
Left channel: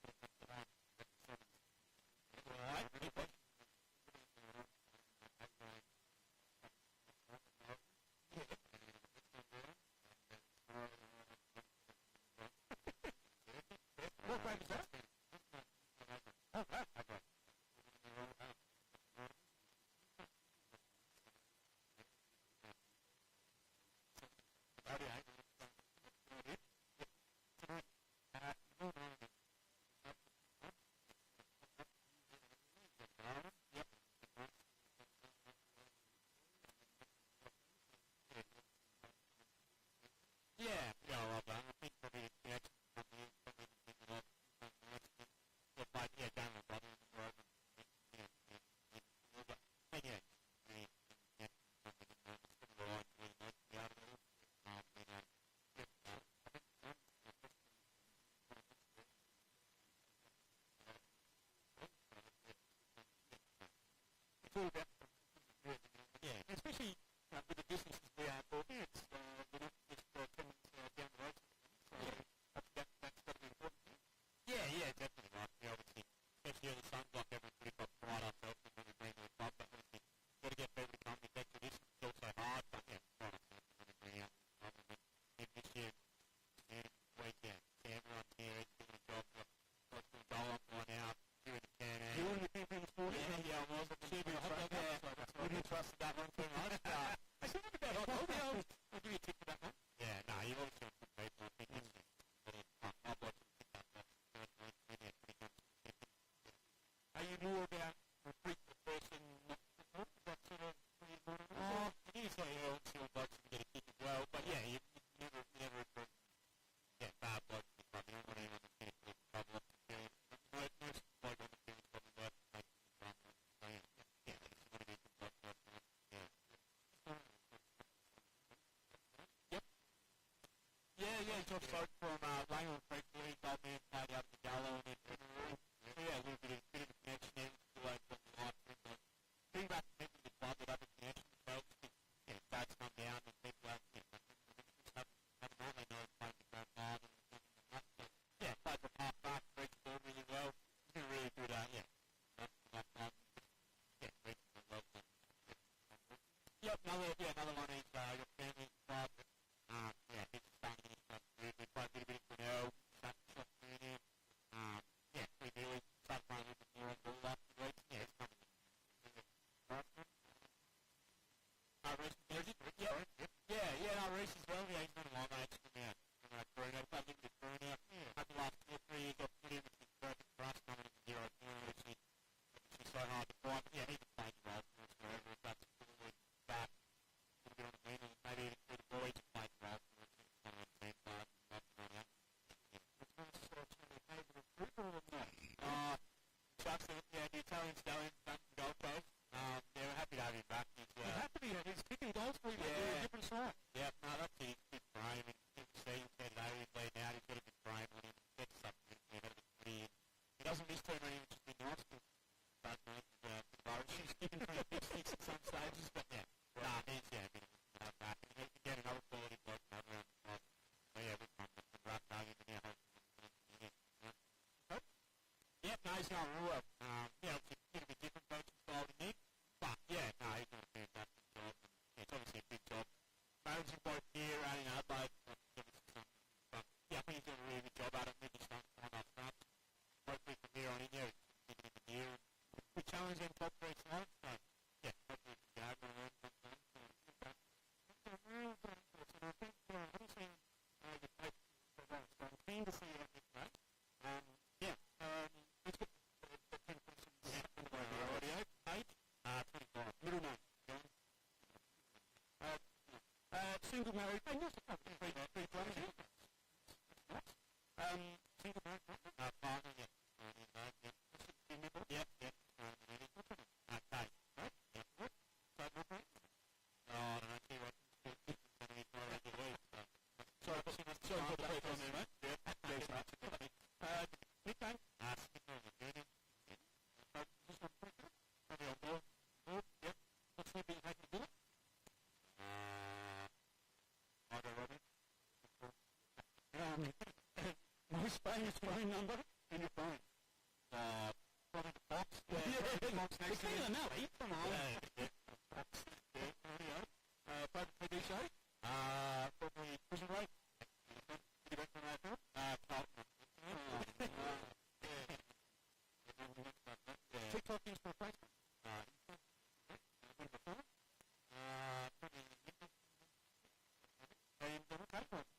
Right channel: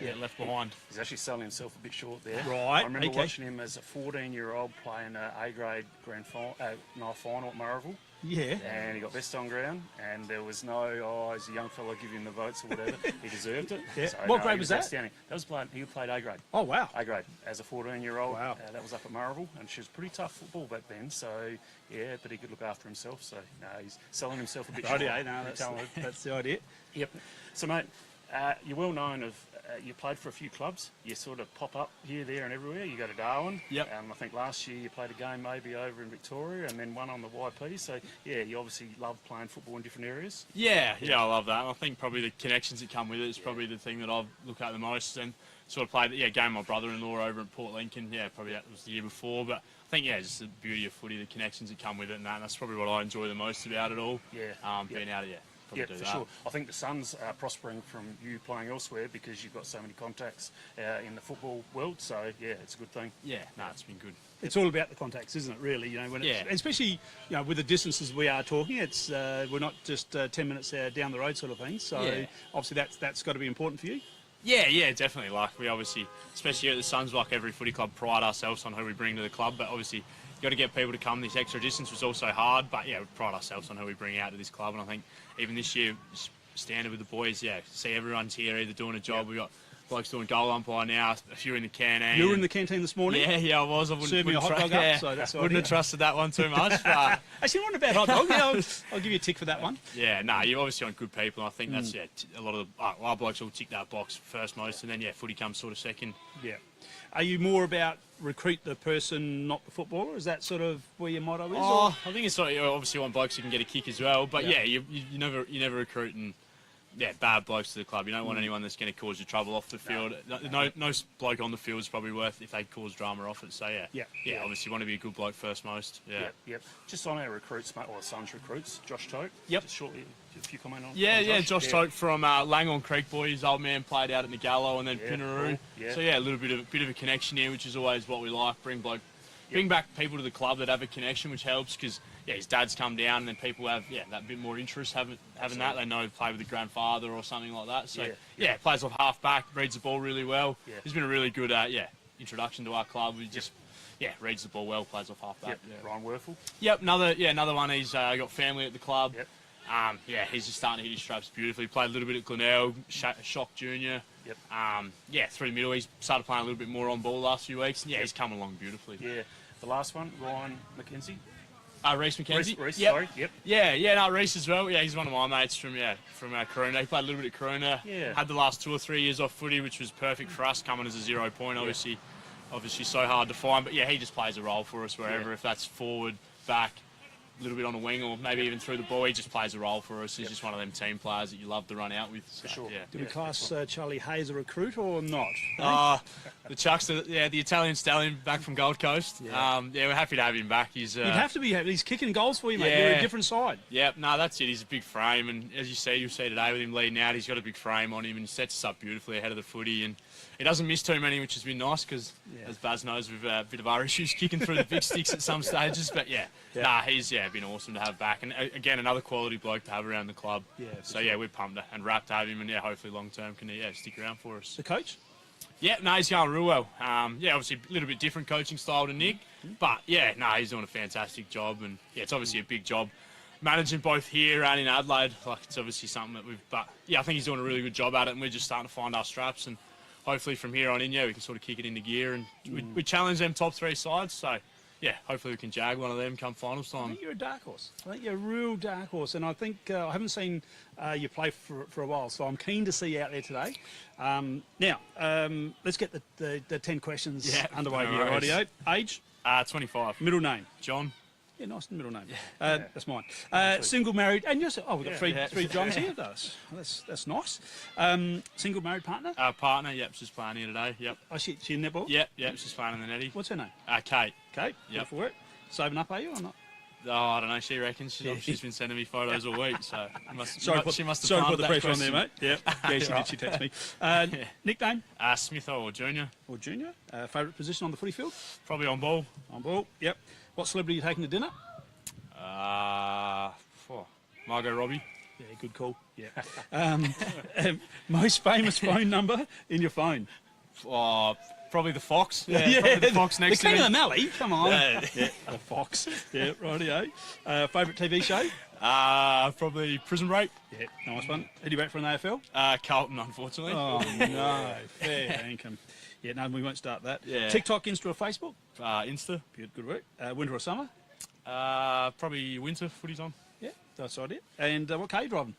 Get left behind. He's actually selling himself a bit short there. Right. I remember watching him as a 14-year-old playing A grade grand final, night final at Murrayville. Yeah. And he got best on ground, and there was no, he's a young fella, give him the votes or whatever. He deserved it. Yeah. So, What grade he was that? outstanding. He played A grade. Oh, wow. A grade as a 14-year-old. Wow. That was up at Murrayville, and she was pretty tough football back then. So yeah, but he could look after himself. So he's selling himself a bit short. Righty, that's the idea. Yep. So mate, you're well known of. You played for a few clubs. You sort of pop up here, there, and everywhere. You go to Darwin. Yep. I think last year you played a game maybe over in Victoria, and then one on the YP. So yeah, you obviously love playing football in different areas. Yeah, I love that. I think probably the connections that come with it is probably the thing that I look at the most. And sort of played a game with my brother-in-law over at Port Lincoln. Yeah, probably that was the year before. But I think just the beauty of footy, the connections that come with it, and that's probably what I enjoy the most about it all. Yeah. Being out of Yeah, for sure. I think the Suns are prospering from you playing elsewhere because you've got so many contacts in the football world. So yeah, it's a good thing. Yeah, it's been good. It's all about the contacts, isn't it? Really, especially with the distances we are talking. It's we're not just 10 minutes down the road sort of thing. So obviously that's got to be important for you. Yeah, definitely. Like we obviously, especially at the Suns, like every footy club, pride ourselves on who we bring to the club. But obviously, you got to get people to come this extra distance, which is also hard. But we pride ourselves on who we bring out to this club. And I think even this year, standard with the boys, see everyone's here either doing a job. We got blokes doing goal umpire now, a few in the canteen. You were in the canteen this morning? Yeah, I was. I wouldn't me a hot dog up, so that's wouldn't have trusted that one too much. But actually, not a bad hot dog. I'll give you a tick for that one. Yeah, you're obviously on good people. And I think that's a lot of our blokes will tick that box first most, and then footy comes sort of second. Yeah. Are you more about recruit the person, not the footballer? Is that sort of where your motto is? I think it's sort of, obviously want blokes who can get a kick as well. But you never recruit and bad blokes to the club. You don't want anyone that's going to cause you trouble off the field. No bloke on the field is probably worth if they cause drama off it. So obviously you want to be a good bloke first most. Yep. Just on our recruits, mate, or Suns recruits, Josh Tote. Yep. Just shortly, if you comment on. Josh Tote from Langhorne Creek boy. His old man played out at Nagallo and then Pinaroo. Cool. Yeah. So a little bit of a connection here, which is always what we like. Bring back people to the club that have a connection, which helps because his dad's come down and then people have that bit more interest having that. They know play with the grandfather or something like that. So plays off half back, reads the ball really well. Yeah. He's been a really good introduction to our club. He just reads the ball well, plays off half back. Ryan Werfel. Yep, another one. He's got family at the club. Yep. He's just starting to hit his straps beautifully. Played a little bit at Glenelg, Shock Junior. Yep. Through the middle, he's started playing a little bit more on ball the last few weeks. And he's coming along beautifully. Yeah. The last one, Ryan McKenzie. Reece McKenzie. Reece, sorry. Yep. Reece as well. Yeah, he's one of my mates from Corona. He played a little bit at Corona. Yeah. Had the last 2 or 3 years off footy, which was perfect for us, coming as a 0 point. Obviously so hard to find. But he just plays a role for us wherever. If that's forward, back, a little bit on the wing, or maybe even through the ball, he just plays a role for us. He's just one of them team players that you love to run out with. So, for sure. Do we class Charlie Hayes a recruit or not? The Chucks, the Italian stallion back from Gold Coast. We're happy to have him back. You'd have to be happy. He's kicking goals for you, mate. You're a different side. Yep, that's it. He's a big frame, and as you'll see today with him leading out, he's got a big frame on him and he sets us up beautifully ahead of the footy. And he doesn't miss too many, which has been nice because, as Baz knows, we've a bit of our issues kicking through the big sticks at some stages. But he's been awesome to have back, and again another quality bloke to have around the club. We're pumped and wrapped to have him, and hopefully long term can stick around for us. The coach? He's going real well. Obviously a little bit different coaching style to Nick, but he's doing a fantastic job, and it's obviously a big job managing both here and in Adelaide. Like it's obviously something that I think he's doing a really good job at it, and we're just starting to find our straps, and hopefully from here on in, we can sort of kick it into gear, and we challenge them top 3 sides. So yeah, hopefully we can jag one of them come finals I time. think you're a dark horse. I think you're a real dark horse, and I think I haven't seen you play for a while, so I'm keen to see you out there today. Now, let's get the 10 questions underway no here. worries. Rightio. Age, 25. middle name. John. Yeah, nice middle name. That's mine. Single, married, and you're... Oh, we've got three Johns here. That's nice. Single, married, partner? Partner, yep, she's playing here today, yep. Oh, she in netball? Yep, she's playing in the netty. What's her name? Kate. Kate? Yep. Good for work. Saving up, are you, or not? Oh, I don't know, she reckons. She's been sending me photos all week, so she must have sorry to put planted the that pressure on there, question. mate. Yeah, she did. She texted me. Nickname? Smith or Junior. Or junior? Favourite position on the footy field? Probably on ball. On ball, yep. What celebrity are you taking to dinner? Margot Robbie. Yeah, good call. Yeah. Most famous phone number in your phone? Probably the Fox. Yeah, probably the Fox next the to King me. of the Mallee. Come on. Yeah, the Fox. Yeah, rightio. Favourite TV show? Probably Prison Break. Yeah, nice one. Who do you back for an AFL? Carlton, unfortunately. Oh no, fair income. Yeah, no, we won't start that. Yeah. TikTok, Insta, or Facebook? Insta. Good work. Winter or summer? Probably winter. Footy's on. Yeah, that's right. And what car are you driving?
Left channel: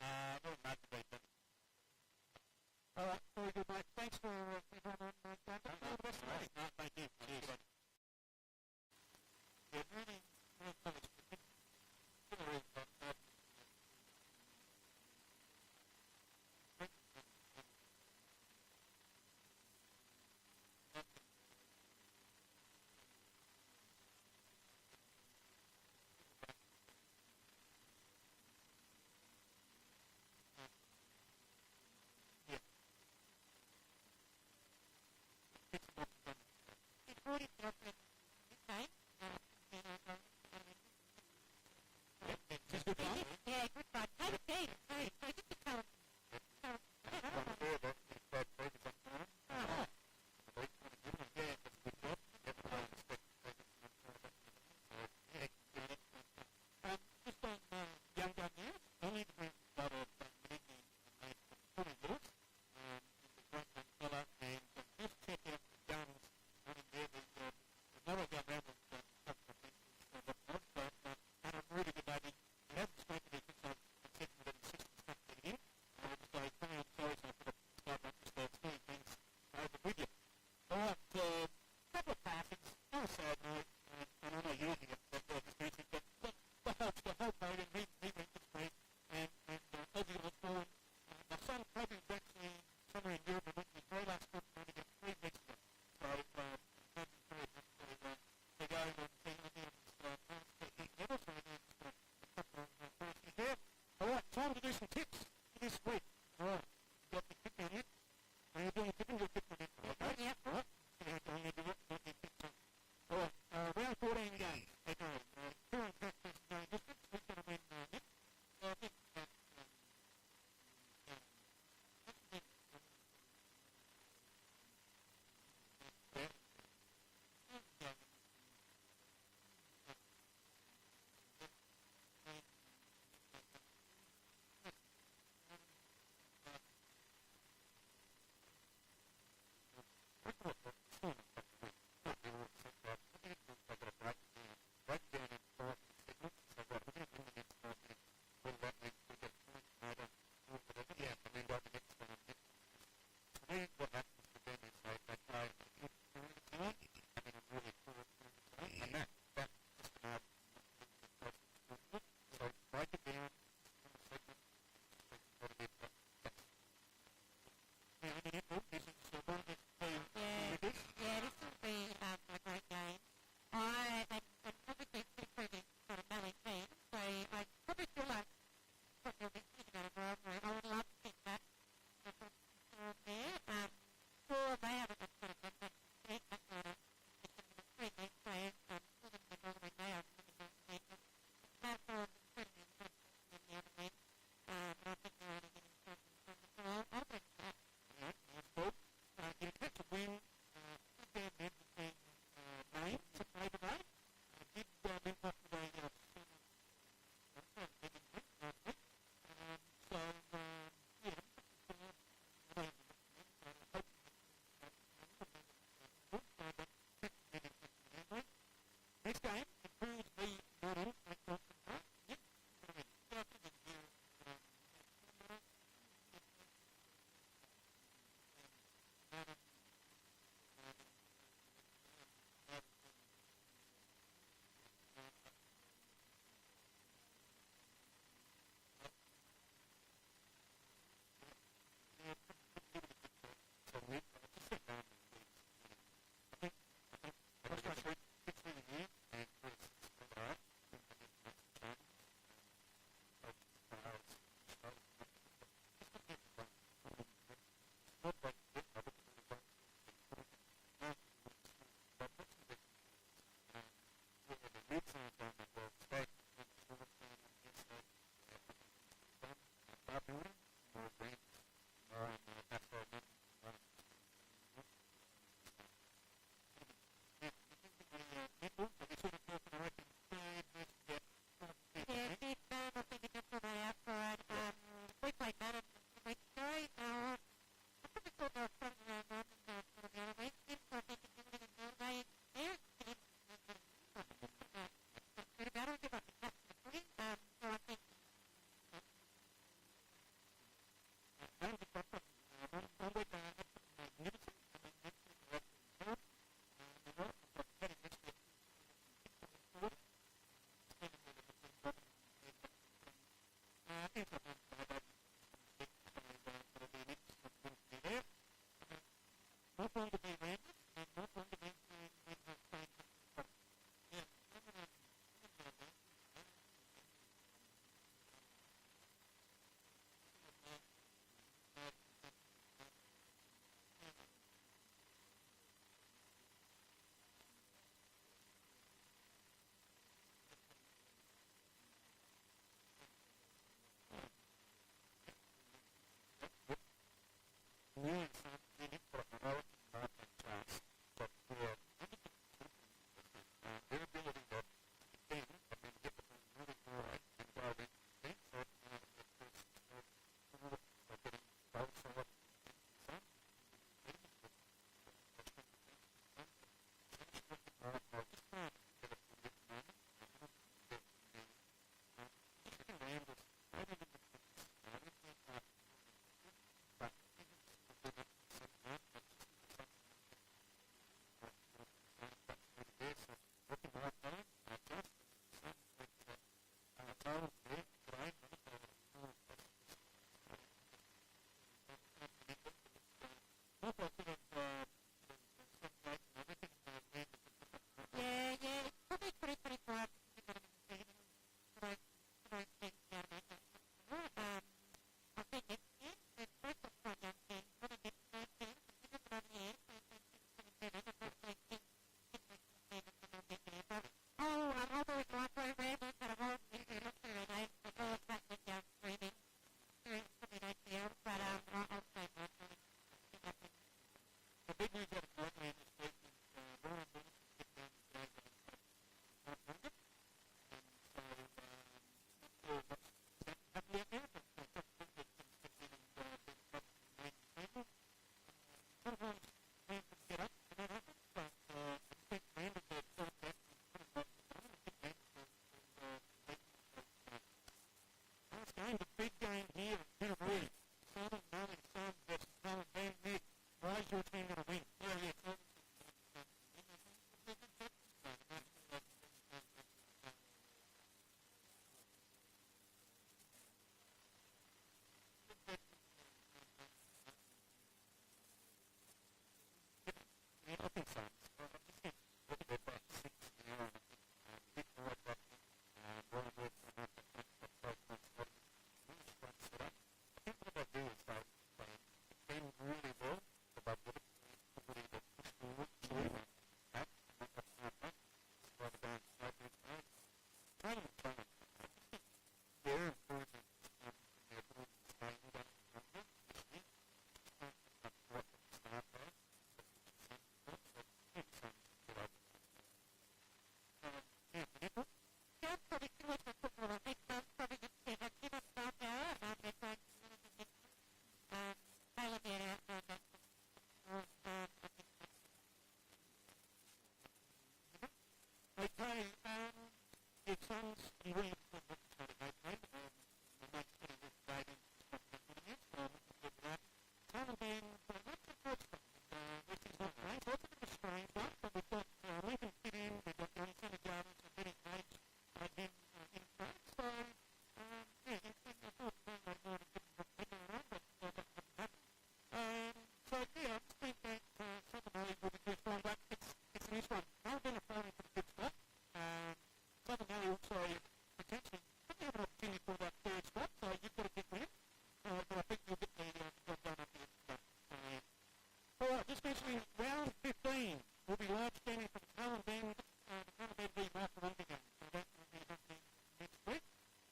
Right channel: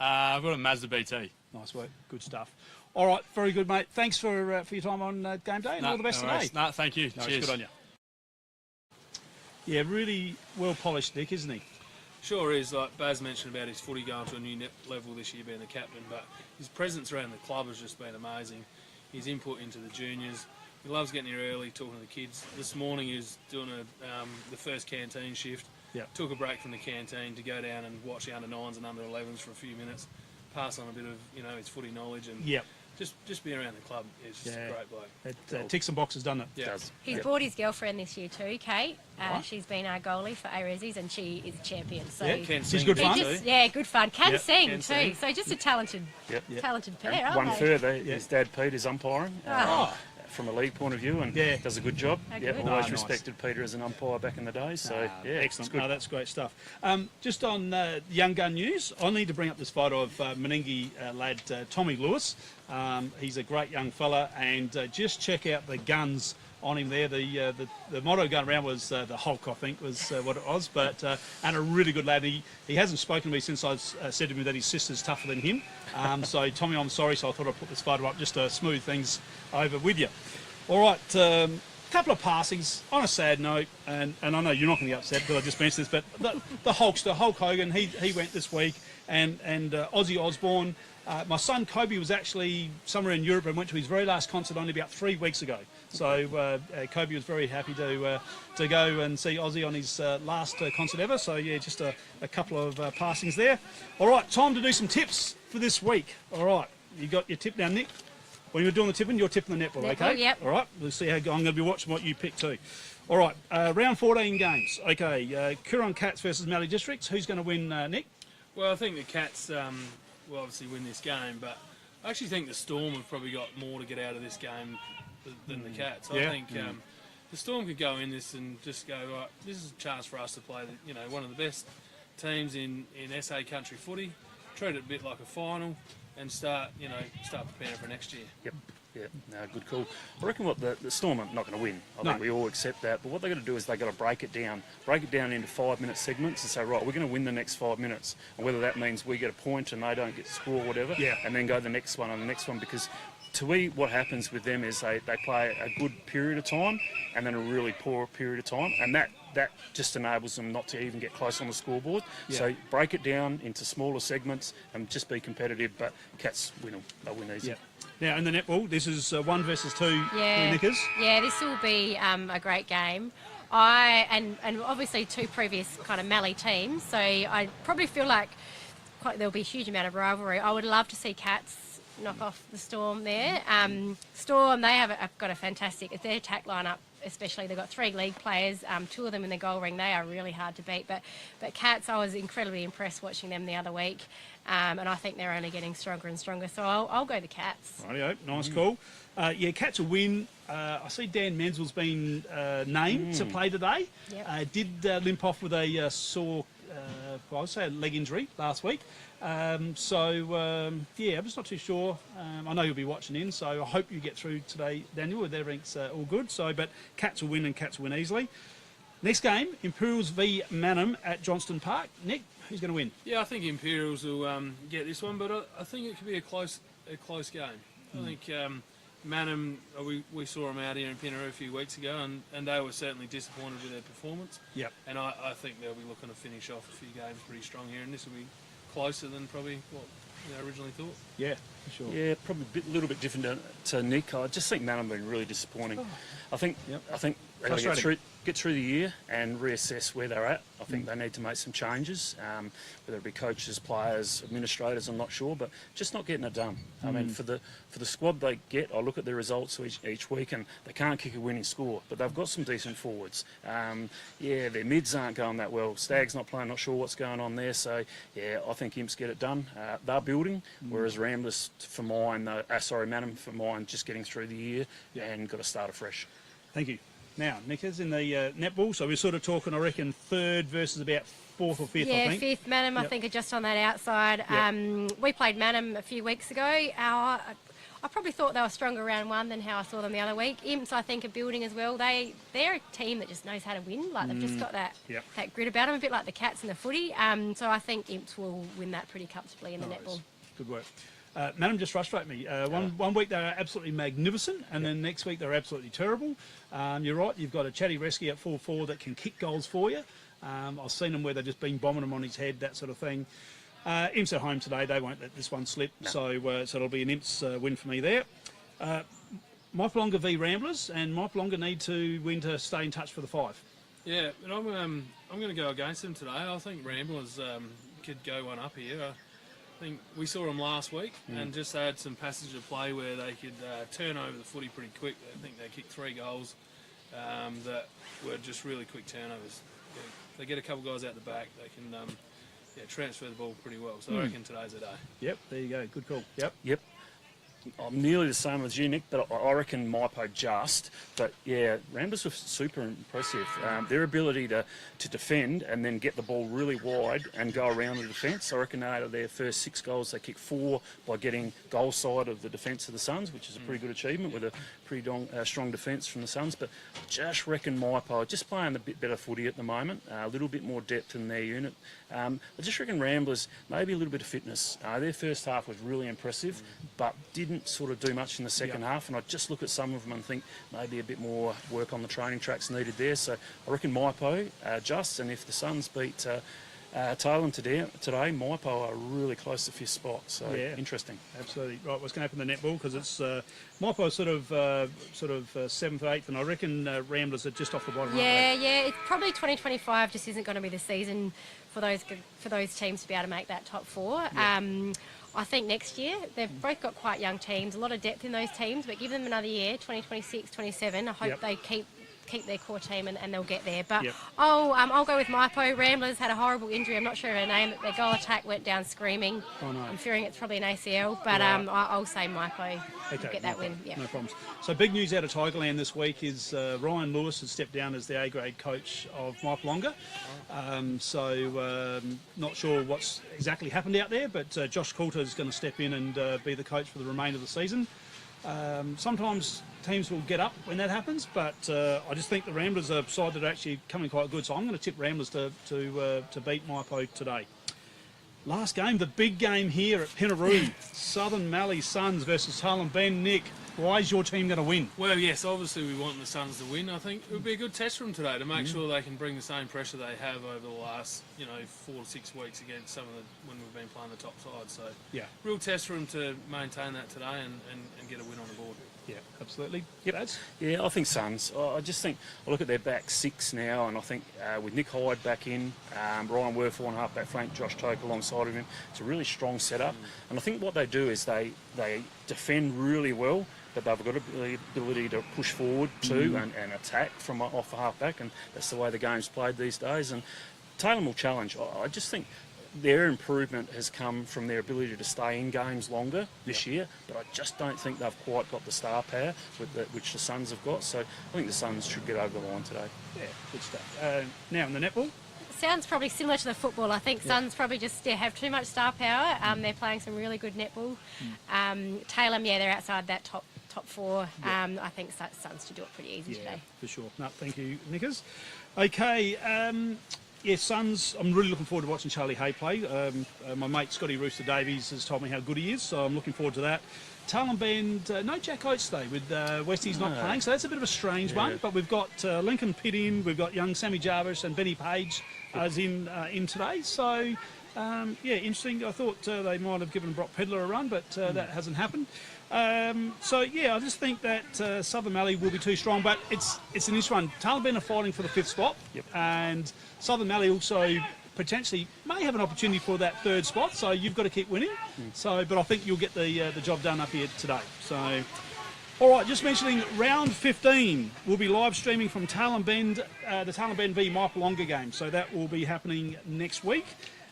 I've got a Mazda BT. Nice work. Good stuff. All right, very good, mate. Thanks for your time on game day, and all the best today. No, thank you. No, Cheers. good on you. Yeah, really well polished, Nick, isn't he? Sure is. Like Baz mentioned about his footy going to a new level this year, being the captain, but his presence around the club has just been amazing. His input into the juniors. He loves getting here early, talking to the kids. This morning he was doing the first canteen shift. Yep. Took a break from the canteen to go down and watch the under-9s and under-11s for a few minutes, pass on a bit of his footy knowledge, and just be around the club. He's just a great bloke. It ticks some boxes, doesn't it? Yeah. He's brought his girlfriend this year too, Kate. She's been our goalie for A-Resis, and she is a champion. So she's good fun. Good fun. Can sing can too. sing. So just a talented pair. aren't One they? further, his dad Pete is umpiring. From a league point of view, and does a good job. Oh, Yeah, good. always nice. respected Peter as an umpire back in the day. So Excellent. it's good. No, that's great stuff. Just on young gun news, I need to bring up this photo of Meningie lad Tommy Lewis. He's a great young fella, and just check out the guns on him there. The motto going around was the Hulk, I think, was what it was. But and a really good lad. He hasn't spoken to me since I said to him that his sister's tougher than him. So Tommy, I'm sorry. So I thought I'd put this photo up just to smooth things over with you. All right. Couple of passings on a sad note, and I know you're not going to be upset because I just mentioned this, but the Hulkster, Hulk Hogan, he went this week, and Ozzy Osbourne. My son Kobe was actually somewhere in Europe and went to his very last concert only about 3 weeks ago. So Kobe was very happy to go and see Ozzy on his last concert ever. So yeah, just a couple of passings there. All right, time to do some tips for this week. All right, you got your tip now, Nick? When you're doing the tipping, you're tipping the netball, okay? Yep. All right, let's see how I'm going to be watching what you pick too. All right, round 14 games. Okay, Coorong Cats versus Mallee Districts. Who's going to win, Nick? Well, I think the Cats will obviously win this game, but I actually think the Storm have probably got more to get out of this game than the Cats. I think the Storm could go in this and just go, right, this is a chance for us to play one of the best teams in SA country footy, treat it a bit like a final, and start preparing for next year. Yep. Yeah, no, good call. I reckon what the Storm are not going to win. I think we all accept that. But what they've got to do is they've got to break it down into 5-minute segments and say, right, we're going to win the next 5 minutes. And whether that means we get a point and they don't get to score or whatever, and then go the next one and the next one. Because to me, what happens with them is they play a good period of time and then a really poor period of time. And that just enables them not to even get close on the scoreboard. Yeah. So break it down into smaller segments and just be competitive. But Cats win them. They'll win easy. Yeah. Now, in the netball, this is 1 versus 2 Nickers. Yeah, this will be a great game. And obviously 2 previous kind of Mallee teams, so I probably feel like there'll be a huge amount of rivalry. I would love to see Cats knock off the Storm there. Storm, they have got a fantastic, their attack lineup especially, they've got 3 league players, 2 of them in the goal ring. They are really hard to beat. But Cats, I was incredibly impressed watching them the other week. And I think they're only getting stronger and stronger. So I'll go the Cats. Rightio, nice call. Cats will win. I see Dan Menzel's been named to play today. Yep. Did limp off with a sore, I would say a leg injury last week. I'm just not too sure. I know you'll be watching in, so I hope you get through today, Daniel, with everything's all good. But Cats will win and Cats will win easily. Next game, Imperials v Manham at Johnston Park. Nick, who's going to win? Yeah, I think Imperials will get this one, but I think it could be a close game. I think Manham, we saw them out here in Penaroo a few weeks ago, and they were certainly disappointed with their performance. Yep. And I think they'll be looking to finish off a few games pretty strong here, and this will be closer than probably what originally thought. Yeah, for sure. Yeah, probably a little bit different to Nick. I just think Manham have been really disappointing. I think they've got to get through the year and reassess where they're at. I think they need to make some changes, whether it be coaches, players, administrators, I'm not sure, but just not getting it done. I mean, for the squad they get, I look at their results each week and they can't kick a winning score, but they've got some decent forwards. Yeah, their mids aren't going that well. Stag's not playing, not sure what's going on there. So, yeah, I think Imps get it done. They're building, whereas Ramblers, for mine, Manham, for mine, just getting through the year and got to start afresh. Thank you. Now, Nickers, in the netball, so we're sort of talking, I reckon, third versus about fourth or fifth, I think. Yeah, fifth. Manham, I think, are just on that outside. We played Manham a few weeks ago. I probably thought they were stronger round one than how I saw them the other week. Imps, I think, are building as well. They're a team that just knows how to win. Like, they've just got that grit about them, a bit like the Cats in the footy. So I think Imps will win that pretty comfortably in the netball. Good work. Manham just frustrate me. One week they were absolutely magnificent, and then next week they're absolutely terrible. You're right, you've got a chatty rescue at 4-4 that can kick goals for you. I've seen them where they've just been bombing them on his head, that sort of thing. Imps at home today, they won't let this one slip, so it'll be an Imps win for me there. Mypolonga v Ramblers, and Mypolonga need to win to stay in touch for the 5. Yeah, but I'm going to go against them today. I think Ramblers could go one up here. I think we saw them last week and just had some passage of play where they could turn over the footy pretty quick. I think they kicked 3 goals that were just really quick turnovers. They get a couple guys out the back, they can transfer the ball pretty well. So I reckon today's a day. Yep, there you go. Good call. Yep. I'm nearly the same as you, Nick, but I reckon Mypo just. But yeah, Ramblers were super impressive. Their ability to defend and then get the ball really wide and go around the defence. I reckon out of their first 6 goals, they kicked 4 by getting goal side of the defence of the Suns, which is a pretty good achievement with a pretty strong defence from the Suns. But just reckon Mypo just playing a bit better footy at the moment, a little bit more depth in their unit. I just reckon Ramblers, maybe a little bit of fitness. Their first half was really impressive, but didn't sort of do much in the second half. And I just look at some of them and think maybe a bit more work on the training tracks needed there. So I reckon Mypo just, and if the Suns beat Tailem today, Mypo are really close to 5th spot. So interesting. Absolutely right. What's going to happen in the netball, because it's Mypo sort of 7th, 8th, and I reckon Ramblers are just off the bottom. Yeah. It's probably 2025 just isn't going to be the season for those teams to be able to make that top 4. I think next year they've both got quite young teams, a lot of depth in those teams, but give them another year, 2026, 27. I hope they keep their core team and they'll get there. But I'll go with Mypo. Ramblers had a horrible injury. I'm not sure her name. Their goal attack went down screaming. Oh, no. I'm fearing it's probably an ACL, but I'll say Mypo will get that win. No problems. So big news out of Tigerland this week is Ryan Lewis has stepped down as the A-grade coach of Mypolonga. Not sure what's exactly happened out there, but Josh Coulter is going to step in and be the coach for the remainder of the season. Sometimes teams will get up when that happens, but I just think the Ramblers are a side that are actually coming quite good, so I'm going to tip Ramblers to beat Mypo today. Last game, the big game here at Penaroo. Southern Mallee Suns versus Tailem Ben. Nick, why is your team going to win? Well, yes, obviously we want the Suns to win. I think it would be a good test for them today to make sure they can bring the same pressure they have over the last, 4 to 6 weeks against some of when we've been playing the top side. So, real test for them to maintain that today and get a win on the board. Yeah, absolutely. Yeah, I think Suns. I just think, I look at their back 6 now, and I think with Nick Hyde back in, Ryan Werfel on half-back flank, Josh Toke alongside of him, it's a really strong setup. And I think what they do is they defend really well, but they've got the ability to push forward too and attack from off the half-back, and that's the way the game's played these days. And Tailem will challenge. I just think their improvement has come from their ability to stay in games longer this year, but I just don't think they've quite got the star power which the Suns have got. So I think the Suns should get over the line today. Yeah, good stuff. Now in the netball? Sounds probably similar to the football. I think Suns probably just have too much star power. They're playing some really good netball. Tailem, they're outside that top 4. I think Suns to do it pretty easy today. For sure. No, thank you, Nickers. Okay, yeah, Suns, I'm really looking forward to watching Charlie Hay play. My mate Scotty Rooster Davies has told me how good he is, so I'm looking forward to that. Talon Bend, no Jack Oates today with Westies not playing, so that's a bit of a strange one. But we've got Lincoln Pitt in, we've got young Sammy Jarvis and Benny Page as in today. So, yeah, interesting. I thought they might have given Brock Pedler a run, but that hasn't happened. So, yeah, I just think that Southern Mallee will be too strong, but it's an interesting one. Talon Bend are fighting for the 5th spot, and Southern Mallee also potentially may have an opportunity for that 3rd spot, so you've got to keep winning. So, but I think you'll get the job done up here today. So, all right, just mentioning round 15 will be live streaming from Talon Bend, the Talon Bend v Maipolonga game. So that will be happening next week.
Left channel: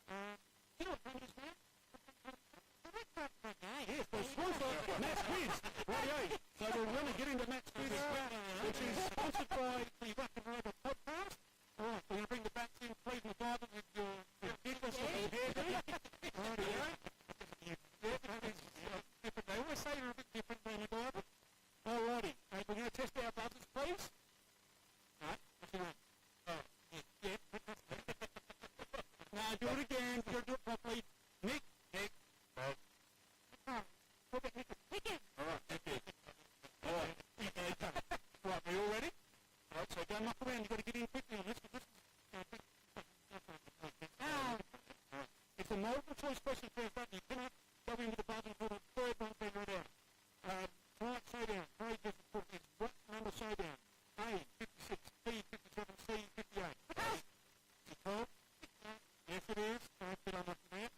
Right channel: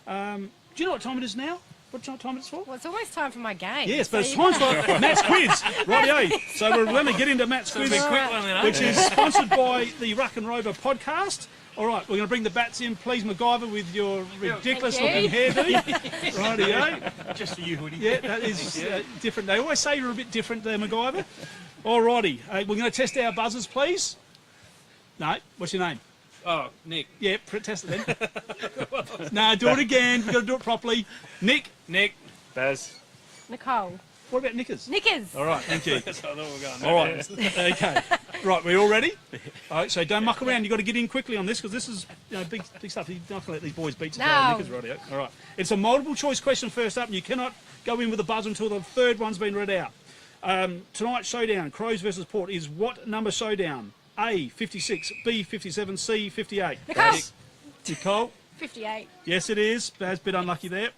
Do you know what time it is now? What time it's for? Well, it's almost time for my game. Yes, but so it's time for Matt's quiz. Rightio. So we're going to get into Matt's quiz, which is sponsored by the Ruck and Rover podcast. All right, we're going to bring the bats in. Please, MacGyver, with your ridiculous-looking hairdo. Rightio. Just for you, Hoodie. Yeah, that is different. They always say you're a bit different there, MacGyver. All righty. We're going to test our buzzers, please. No, what's your name? Oh, Nick. Yeah, test it then. No, do it again. We've got to do it properly. Nick. Baz. Nicole. What about Nickers? Nickers. All right, thank you. I thought we were going. All right, okay. Right, we all ready? All right, so don't muck around. You've got to get in quickly on this because this is big stuff. You're not going to let these boys beat you. No. Nickers, right? All right. It's a multiple choice question first up, and you cannot go in with a buzzer until the 3rd one's been read out. Tonight's showdown, Crows versus Port, is what number showdown? A, 56, B, 57, C, 58. Nicole? 58. Yes, it is. Baz, bit unlucky there.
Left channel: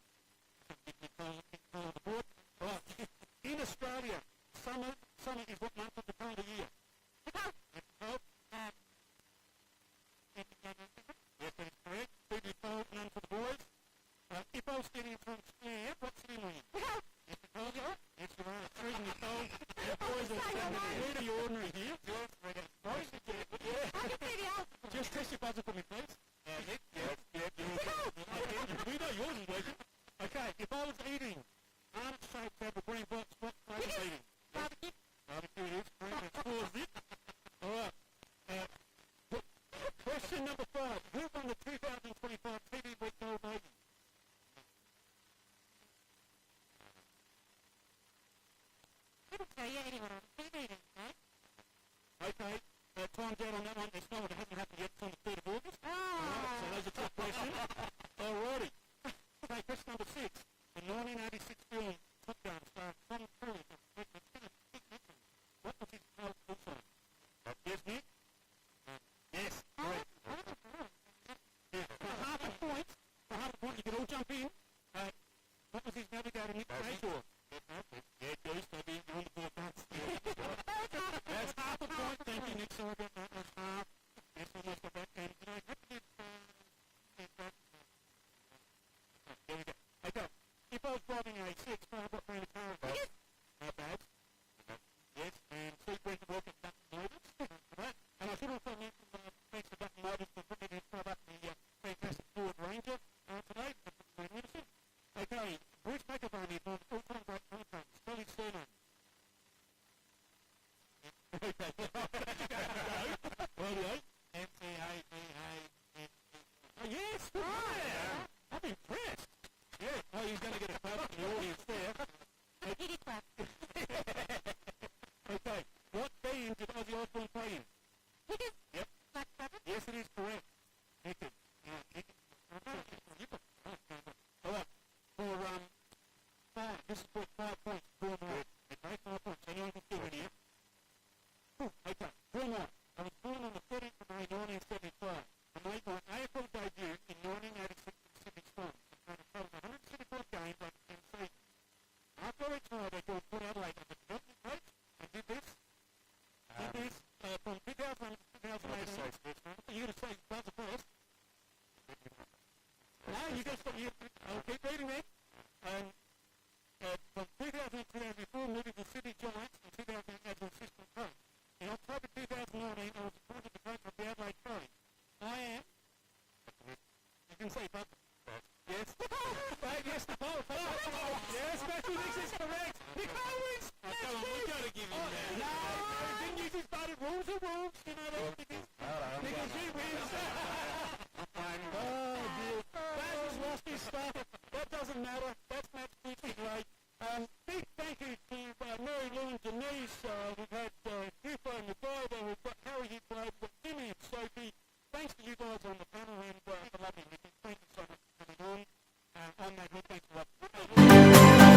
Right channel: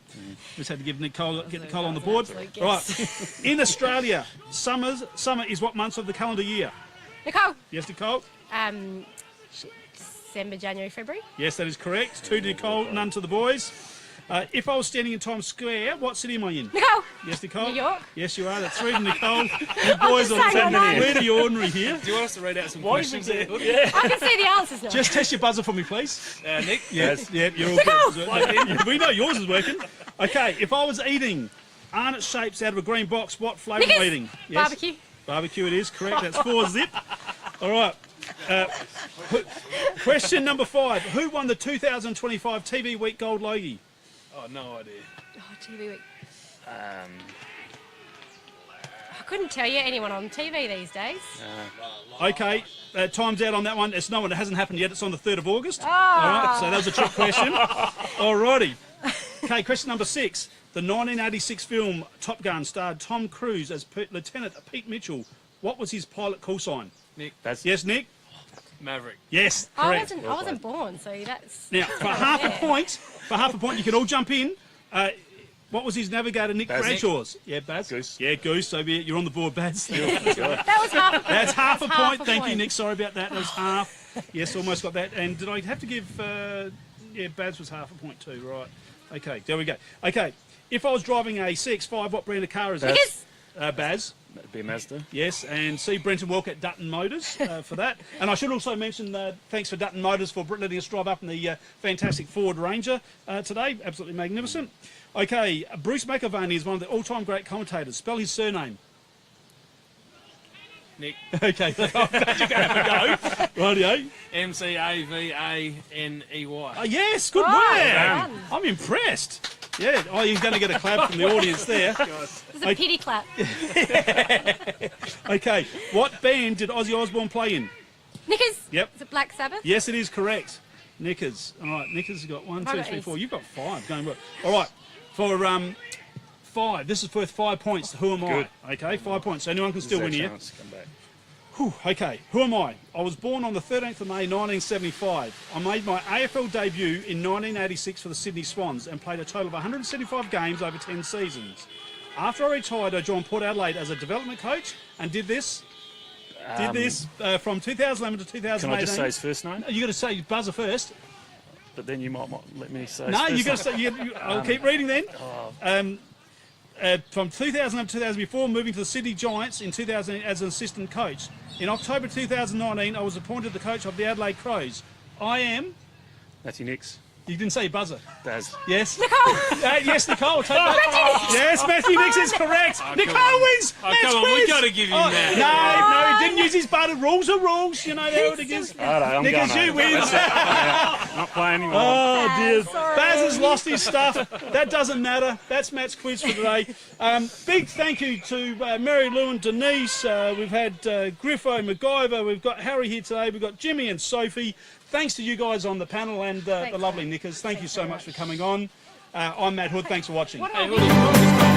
Just had to get Nicole on the board. Right. In Australia, summer is what month of the calendar year? Nicole. Yes, Nicole? December, January, February. Yes, that is correct. 2 to Nicole, none to the boys. If I was standing in Times Square, what city am I in? Nicole. Yes, Nicole? New York. Yes, you are. That's 3 to Nicole. You boys are really ordinary here. Do you want us to read out some questions there? Yeah. I can see the answers now. Just test your buzzer for me, please. Nick? Yes, yeah, you're all good. We know yours is working. Okay, if I was eating Arnott shapes out of a green box, what flavour am I eating? Yes. Barbecue. Barbecue it is, correct. That's 4 zip. All right. Question number 5. Who won the 2025 TV Week Gold Logie? Oh, no idea. Oh, TV Week. I couldn't tell you anyone on TV these days. Okay, time's out on that one. It's no one. It hasn't happened yet. It's on the 3rd of August. Oh. All right, so that was a trick question. All righty. Okay, question number 6. The 1986 film Top Gun starred Tom Cruise as Lieutenant Pete Mitchell. What was his pilot call sign? Nick. Yes, Nick? Maverick. Yes, I correct. wasn't born, so that's... Now, for half a point, you can all jump in. What was his navigator, Nick Bradshaw's? Yeah, Baz? Goose. Yeah, Goose. So you're on the board, Baz. That was half a point. That's half a point. Thank you, point. Nick. Sorry about that. That was half. Yes, almost got that. And did I have to give... yeah, Baz was half a point too, right. Okay, there we go. Okay, if I was driving a CX-5, what brand of car is it? Baz. That'd be a Mazda. Yes, and see Brenton Walker at Dutton Motors for that. And I should also mention thanks for Dutton Motors for letting us drive up in the fantastic Ford Ranger today. Absolutely magnificent. Okay, Bruce McAvaney is one of the all-time great commentators. Spell his surname. Nick. Okay, I'm glad you're going to have a go. Rightio. McAvaney. Oh, yes, good Right, work. I'm impressed. Yeah, oh, he's going to get a clap from the audience there. There's a pity clap. Okay, what band did Ozzy Osbourne play in? Knickers. Yep. Is it Black Sabbath? Yes, it is correct. Knickers. All right, Knickers has got 1, 2, 3, 4. You've got 5. Going well. All right, for 5. This is worth 5 points. Who am I? Okay, 5 points. So anyone can still win here. Whew, okay, who am I? I was born on the 13th of May 1975. I made my AFL debut in 1986 for the Sydney Swans and played a total of 175 games over 10 seasons. After I retired, I joined Port Adelaide as a development coach and did this from 2011 to 2018. Can I just say his first name? You got to say buzzer first. But then you might let me say. No, you got to say. I'll keep reading then. From 2011 to 2004, moving to the Sydney Giants in 2000 as an assistant coach. In October 2019, I was appointed the coach of the Adelaide Crows. I am... Matthew Nix. You didn't say buzzer. Daz. Yes? Nicole! Yes, Nicole. Take that. Yes, Matthew Nix is correct. Nicole wins. Oh, Match come on, quiz. we've got to give him that. No, he didn't use his buzzer. Rules are rules. You know how it is. I'm Nickers, going you home. win. Not playing anymore. Oh, dear. Sorry. Baz has lost his stuff. That doesn't matter. That's Matt's quiz for today. Big thank you to Mary Lou and Denise. We've had Griffo, MacGyver. We've got Harry here today. We've got Jimmy and Sophie. Thanks to you guys on the panel and the lovely Nickers. Thank you so much for coming on. I'm Matt Hood. Thanks for watching. Hey,